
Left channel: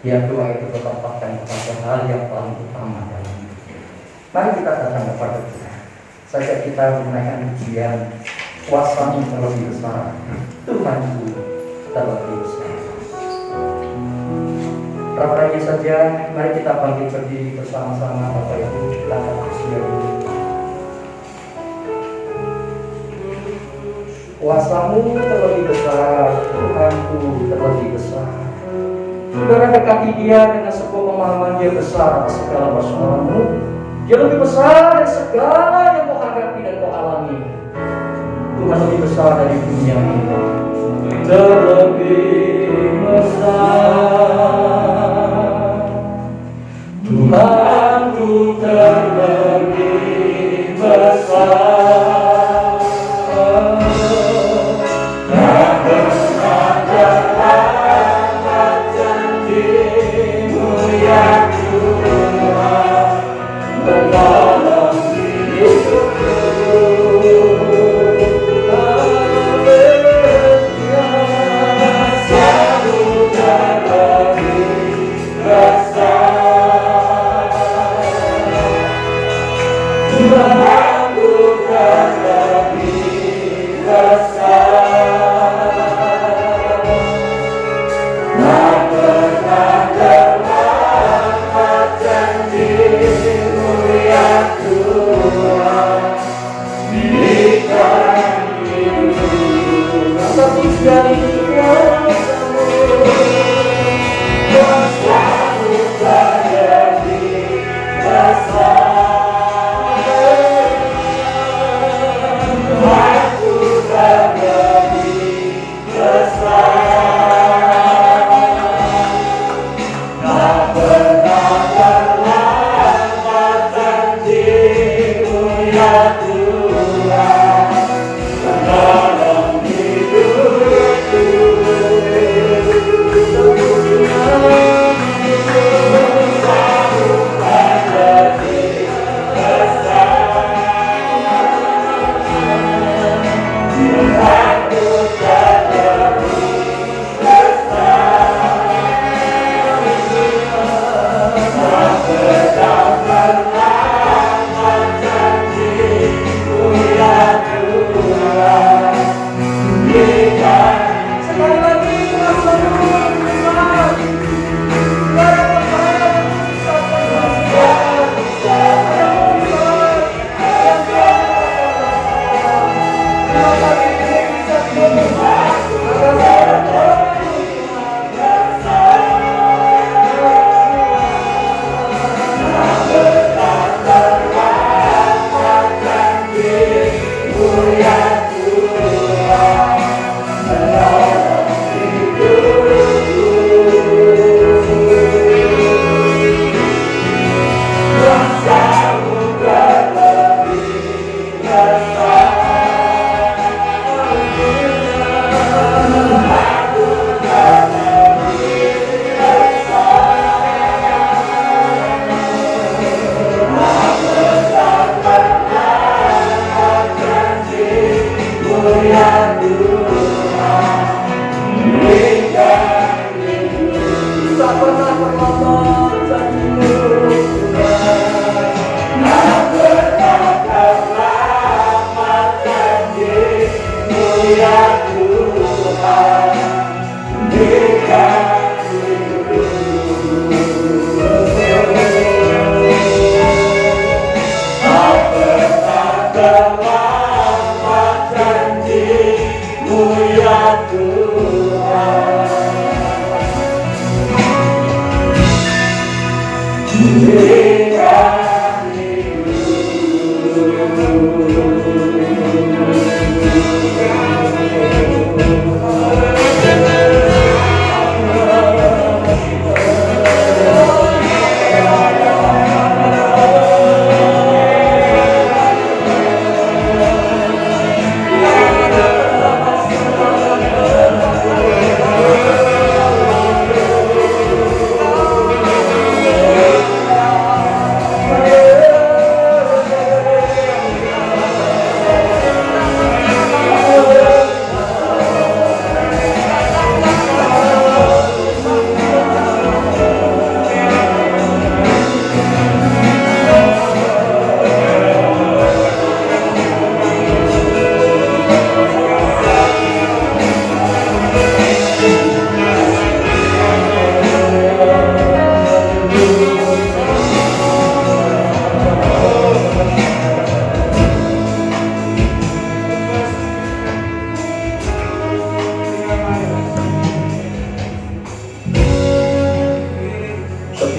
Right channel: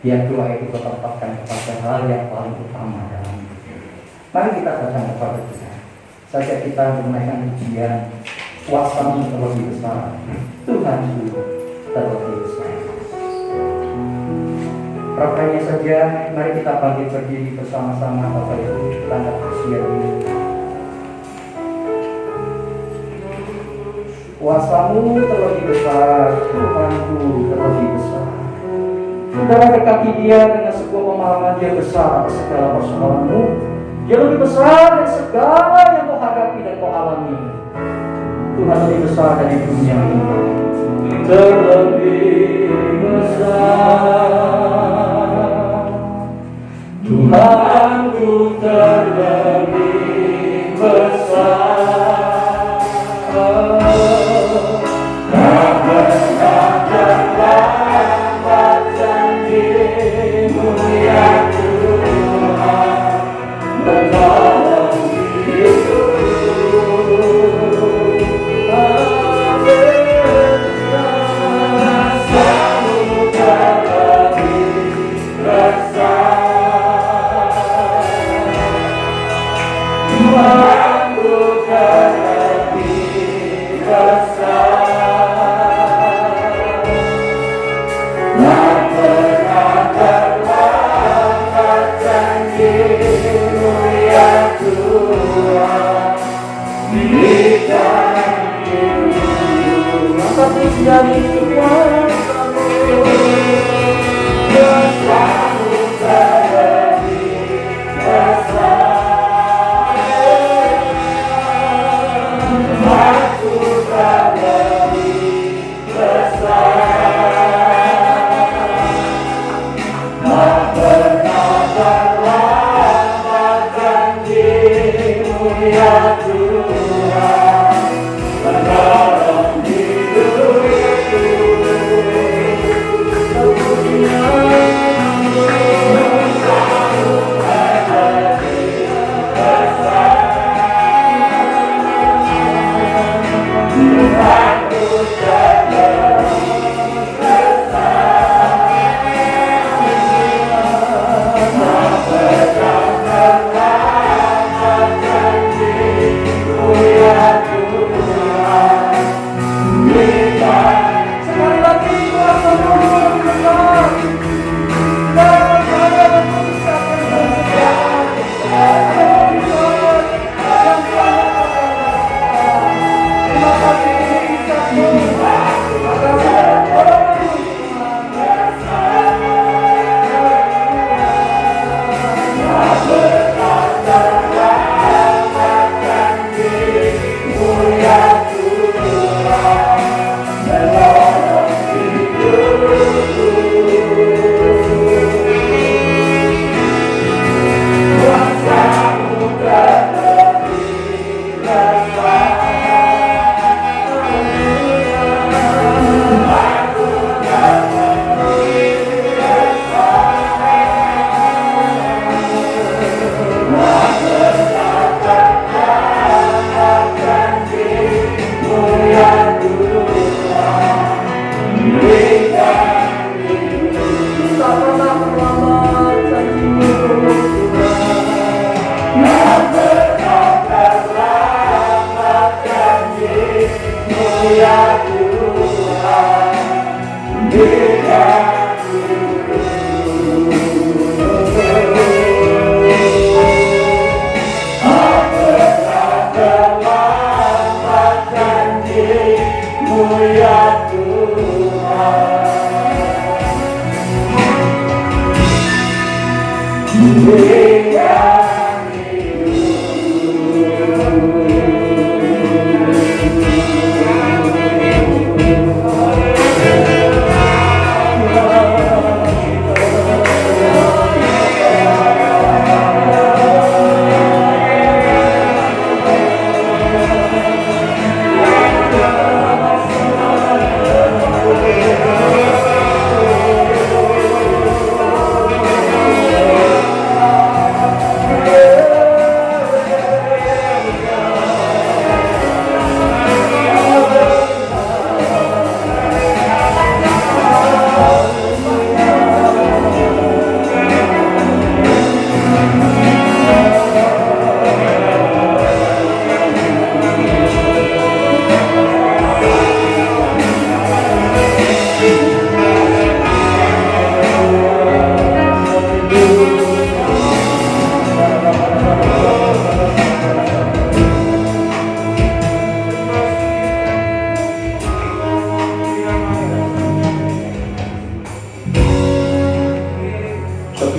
Biar doa itu bertempatkan kepada hal yang paling utama dalam hidup. Mari kita datang kepada Tuhan. Saja kita menaikkan pujian kuasa-Mu terlebih besar, Tuhanku terlebih besar. Rapanya saja, mari kita bangkit berdiri bersama-sama Bapak Ibu, kita angkat bersiap. Kuasa-Mu terlebih besar, Tuhanku terlebih besar. Saudara, dekati Dia dengan sebuah pemahaman Dia besar atas segala persoalan-Mu. Dia lebih besar dari segala yang kau hadapi dan kau alami. Tuhan lebih besar dari dunia ini. Terlebih besar, Tuhanku terlebih besar. Tak pernah terlambat janji-Mu ya Tuhan, menolong hidupku. Kuasa-Mu terlebih besar, Tuhanku terlebih besar. Tak pernah terlambat janji-Mu ya Tuhan, berikan hidupku. Tapi dari kuasa-Mu, kuasa-Mu terlebih besar, Tuhanku terlebih besar. Tak pernah terlambat janji-Mu ya Tuhan, menolong hidupku.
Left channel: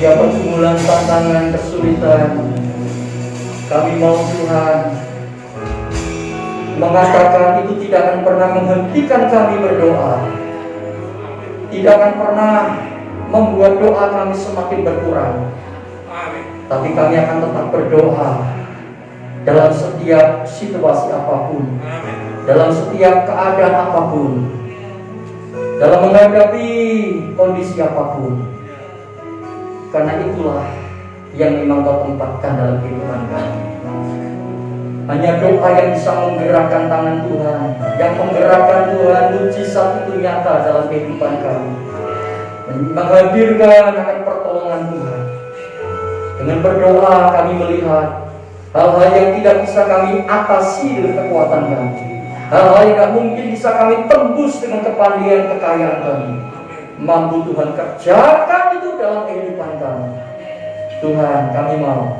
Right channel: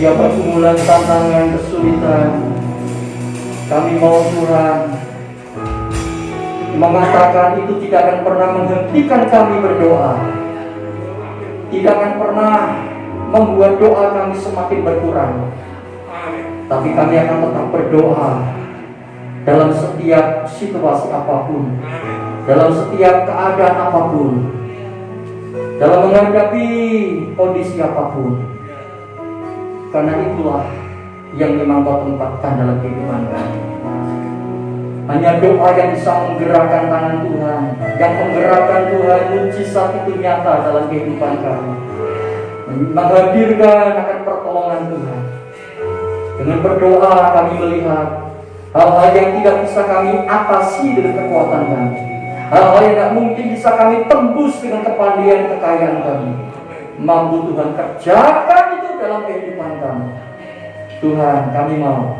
setiap pergumulan, tantangan, kesulitan, kami mau Tuhan mengatakan itu tidak akan pernah menghentikan kami berdoa, tidak akan pernah membuat doa kami semakin berkurang, tapi kami akan tetap berdoa dalam setiap situasi apapun, dalam setiap keadaan apapun, dalam menghadapi kondisi apapun, karena itulah yang memang Kau tempatkan dalam kehidupan kami. Hanya doa yang bisa menggerakkan tangan Tuhan, yang menggerakkan Tuhan mujizat itu nyata dalam kehidupan kami, menghadirkan akan pertolongan Tuhan. Dengan berdoa kami melihat hal-hal yang tidak bisa kami atasi dengan kekuatan kami, hal-hal yang tidak mungkin bisa kami tembus dengan kepandaian kekayaan kami. Mampu Tuhan kerjakan itu dalam kehidupan kami. Tuhan, kami mau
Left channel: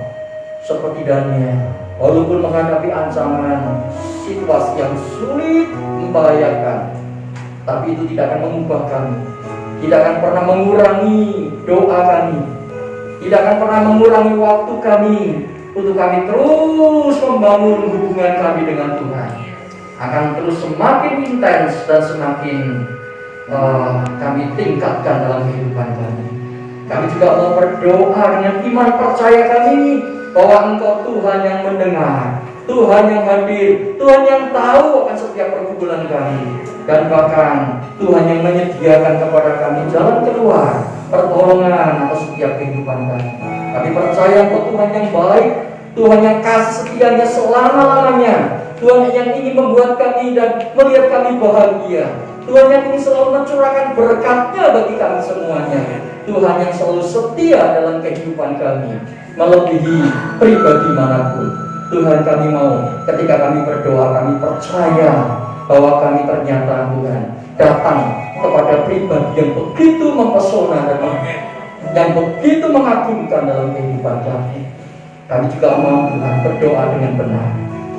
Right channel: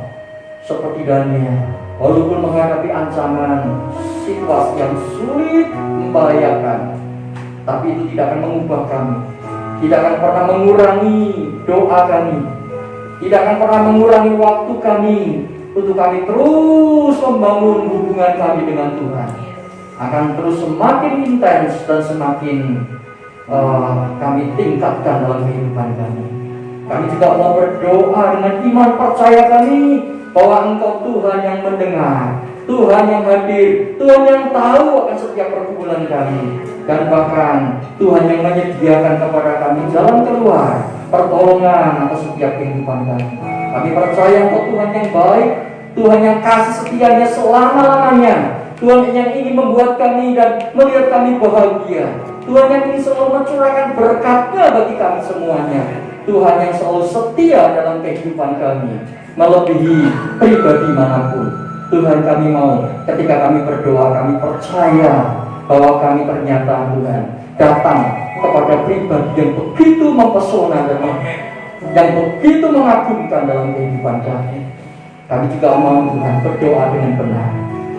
seperti Daniel, walaupun menghadapi ancaman situasi yang sulit, membahayakan, tapi itu tidak akan mengubah kami, tidak akan pernah mengurangi doa kami, tidak akan pernah mengurangi waktu kami untuk kami terus membangun hubungan kami dengan Tuhan. Akan terus semakin intens dan semakin kami tingkatkan dalam kehidupan kami. Kami juga mau berdoa dengan iman percaya kami bahwa Engkau Tuhan yang mendengar, Tuhan yang hadir, Tuhan yang tahu akan setiap pergumulan kami, dan bahkan Tuhan yang menyediakan kepada kami jalan keluar, pertolongan atas setiap kehidupan kami. Kami percaya Engkau Tuhan yang baik, Tuhan yang kasih setianya selama-lamanya, Tuhan yang ingin membuat kami dan melihat kami bahagia, Tuhan yang ingin selalu mencurahkan berkat-Nya bagi kami semuanya, Tuhan yang selalu setia dalam kehidupan kami, melebihi pribadi manapun. Tuhan, kami mau ketika kami berdoa, kami percaya bahwa kami ternyata Tuhan datang kepada pribadi yang begitu mempesona dan yang begitu mengagumkan dalam kehidupan kami. Kami juga mau Tuhan berdoa dengan benar.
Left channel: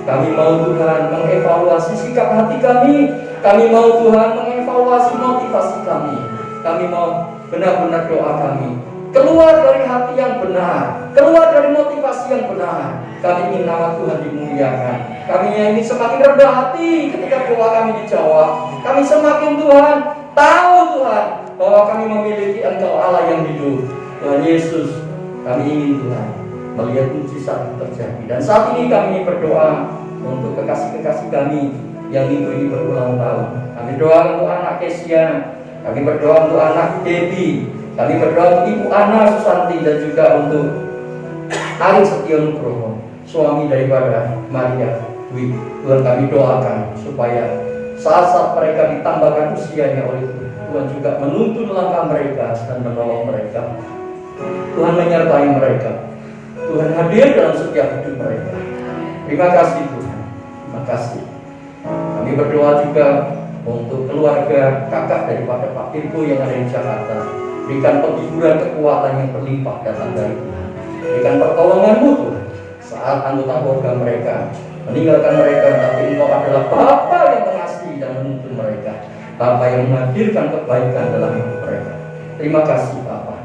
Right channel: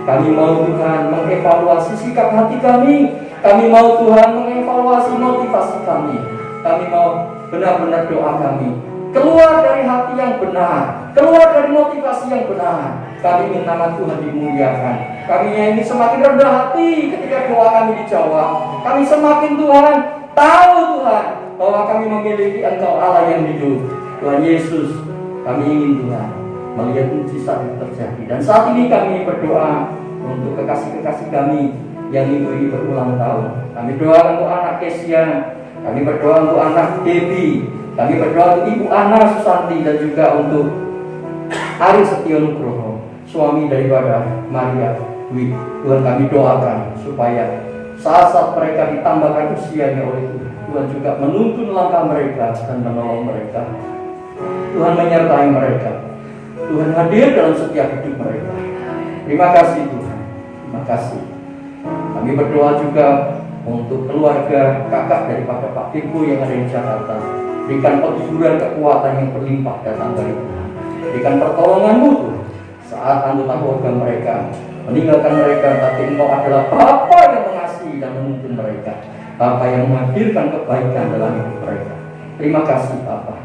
Kami mau Tuhan mengevaluasi sikap hati kami. Kami mau Tuhan mengevaluasi motivasi kami. Kami mau benar-benar doa kami keluar dari hati yang benar, keluar dari motivasi yang benar. Kami ingin nama Tuhan dimuliakan. Kami ingin semakin rendah hati ketika doa kami dijawab. Kami semakin Tuhan tahu Tuhan bahwa kami memiliki Engkau Allah yang hidup. Tuhan Yesus, kami ingin Tuhan melihat mujizat itu terjadi. Dan saat ini kami berdoa untuk kekasih-kekasih kami yang minggu ini berulang tahun. Kami doa untuk anak Kesia, kami berdoa untuk anak Debbie, kami berdoa untuk Ibu Ana Susanti, dan juga untuk Ari Setionugroho, suami daripada Maria Dwi. Tuhan, kami doakan supaya saat-saat mereka ditambahkan usianya oleh Tuhan, Tuhan juga menuntun langkah mereka dan menolong mereka. Tuhan menyertai mereka. Tuhan hadir dalam setiap hidup mereka. Terima kasih Tuhan. Terima kasih. Kami berdoa juga untuk keluarga kakak daripada Pak Firko yang ada di Jakarta. Berikan penghiburan kekuatan yang berlimpah datang dari Tuhan. Berikan pertolongan-Mu Tuhan saat anggota keluarga mereka meninggalkan mereka, tapi Engkau adalah Bapa yang mengasihi dan menuntun mereka, Bapa yang menghadirkan kebaikan dalam hidup mereka. Terima kasih Bapa.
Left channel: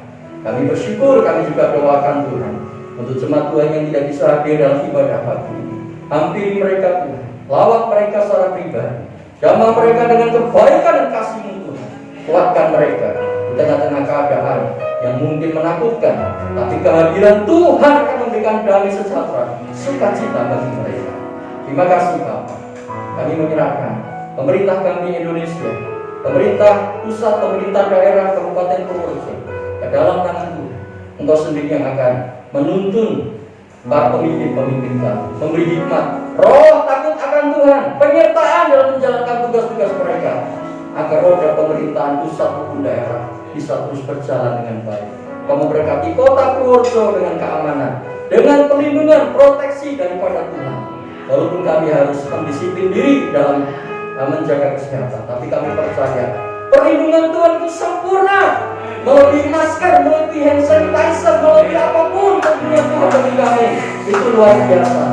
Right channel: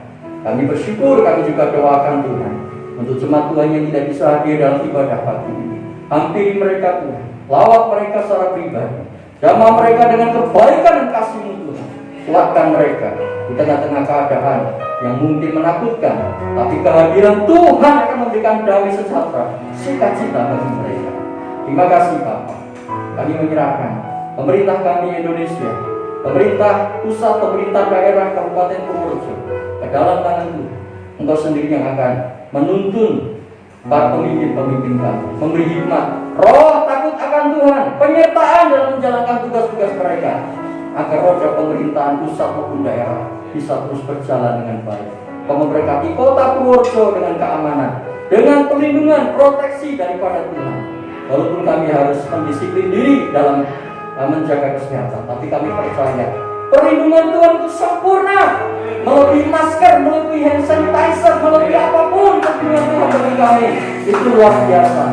Kami bersyukur, kami juga doakan Tuhan untuk jemaat Tuhan yang tidak bisa hadir dalam ibadah pagi ini. Hampiri mereka Tuhan, lawat mereka secara pribadi, jamah mereka dengan kebaikan dan kasih-Mu Tuhan. Kuatkan mereka di tengah-tengah keadaan yang mungkin menakutkan, tapi kehadiran Tuhan akan memberikan damai sejahtera, sukacita bagi mereka. Terima kasih Bapak. Kami menyerahkan pemerintah kami Indonesia, pemerintah pusat, pemerintah daerah Kabupaten Purworejo ke dalam tangan Tuhan. Engkau sendiri yang akan menuntun para pemimpin-pemimpin kami, memberi hikmat, roh takut akan Tuhan, penyertaan dalam menjalankan tugas-tugas mereka, agar roda pemerintahan pusat maupun daerah bisa terus berjalan dengan baik. Kau memberkati kota Purworejo dengan keamanan, dengan perlindungan, proteksi daripada Tuhan. Walaupun kami harus mendisiplin diri dalam menjaga kesehatan, tapi kami percaya perlindungan Tuhan itu sempurna, melebihi masker, melebihi hand sanitizer, melebihi apapun perlindungan Tuhan bagi kami. Itu luar biasa.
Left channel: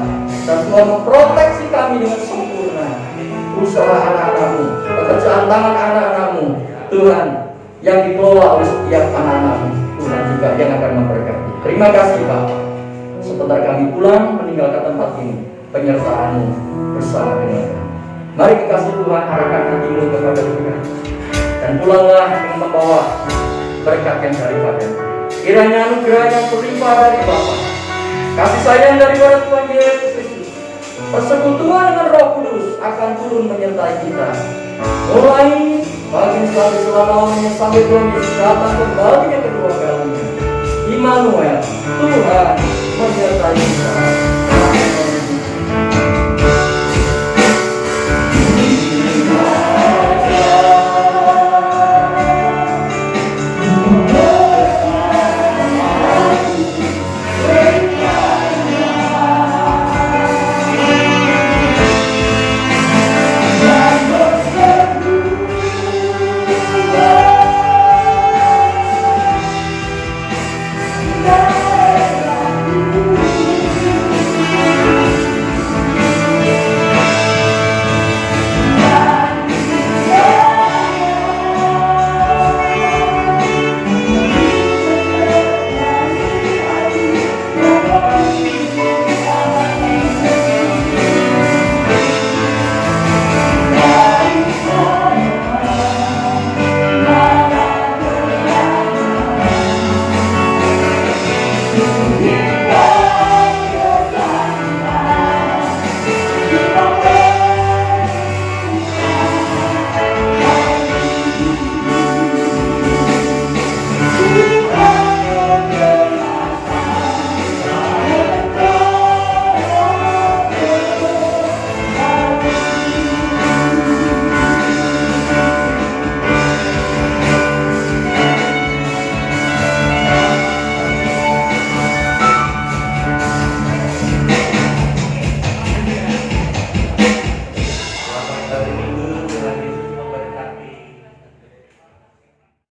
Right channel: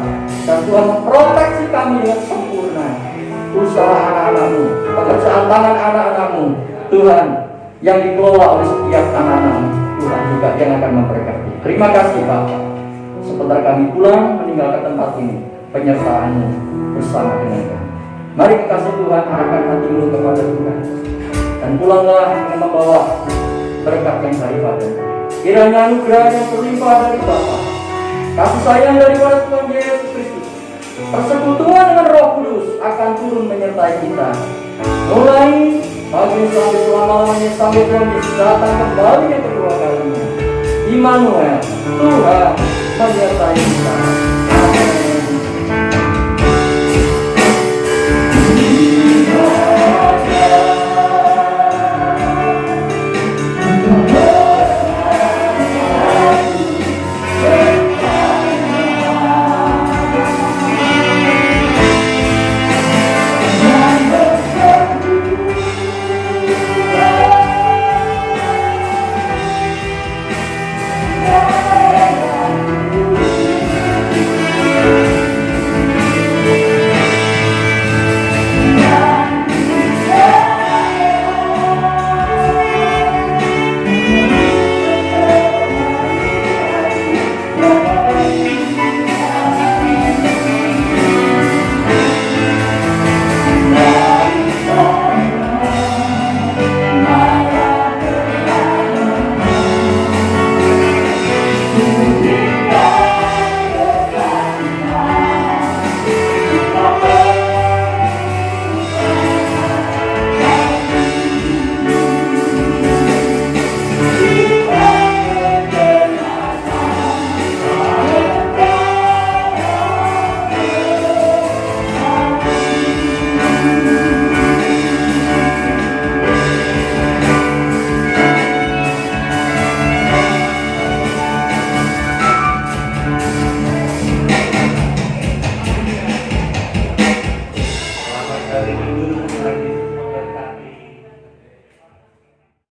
Dan Tuhan memproteksi kami dengan sempurna. Usaha anak-anak-Mu, pekerjaan tangan anak-anak-Mu, Tuhan, yang dikelola oleh setiap anak-anak Tuhan juga yang akan memberkati. Terima kasih Bapak. Sebentar kami pulang meninggalkan tempat ini, penyertaan-Mu bersama dengan kami. Mari kekasih Tuhan, arahkan hatimu kepada Tuhan, dan pulanglah dengan membawa berkat yang daripada. Kiranya anugerah yang berlimpah dari Bapa, kasih sayang daripada Tuhan Yesus Kristus, persekutuan dengan Roh Kudus akan turun menyertai kita, mulai pagi sampai selama-lamanya, sampai Tuhan Yesus datang kembali yang kedua kalinya. Immanuel, Tuhan menyertai kita.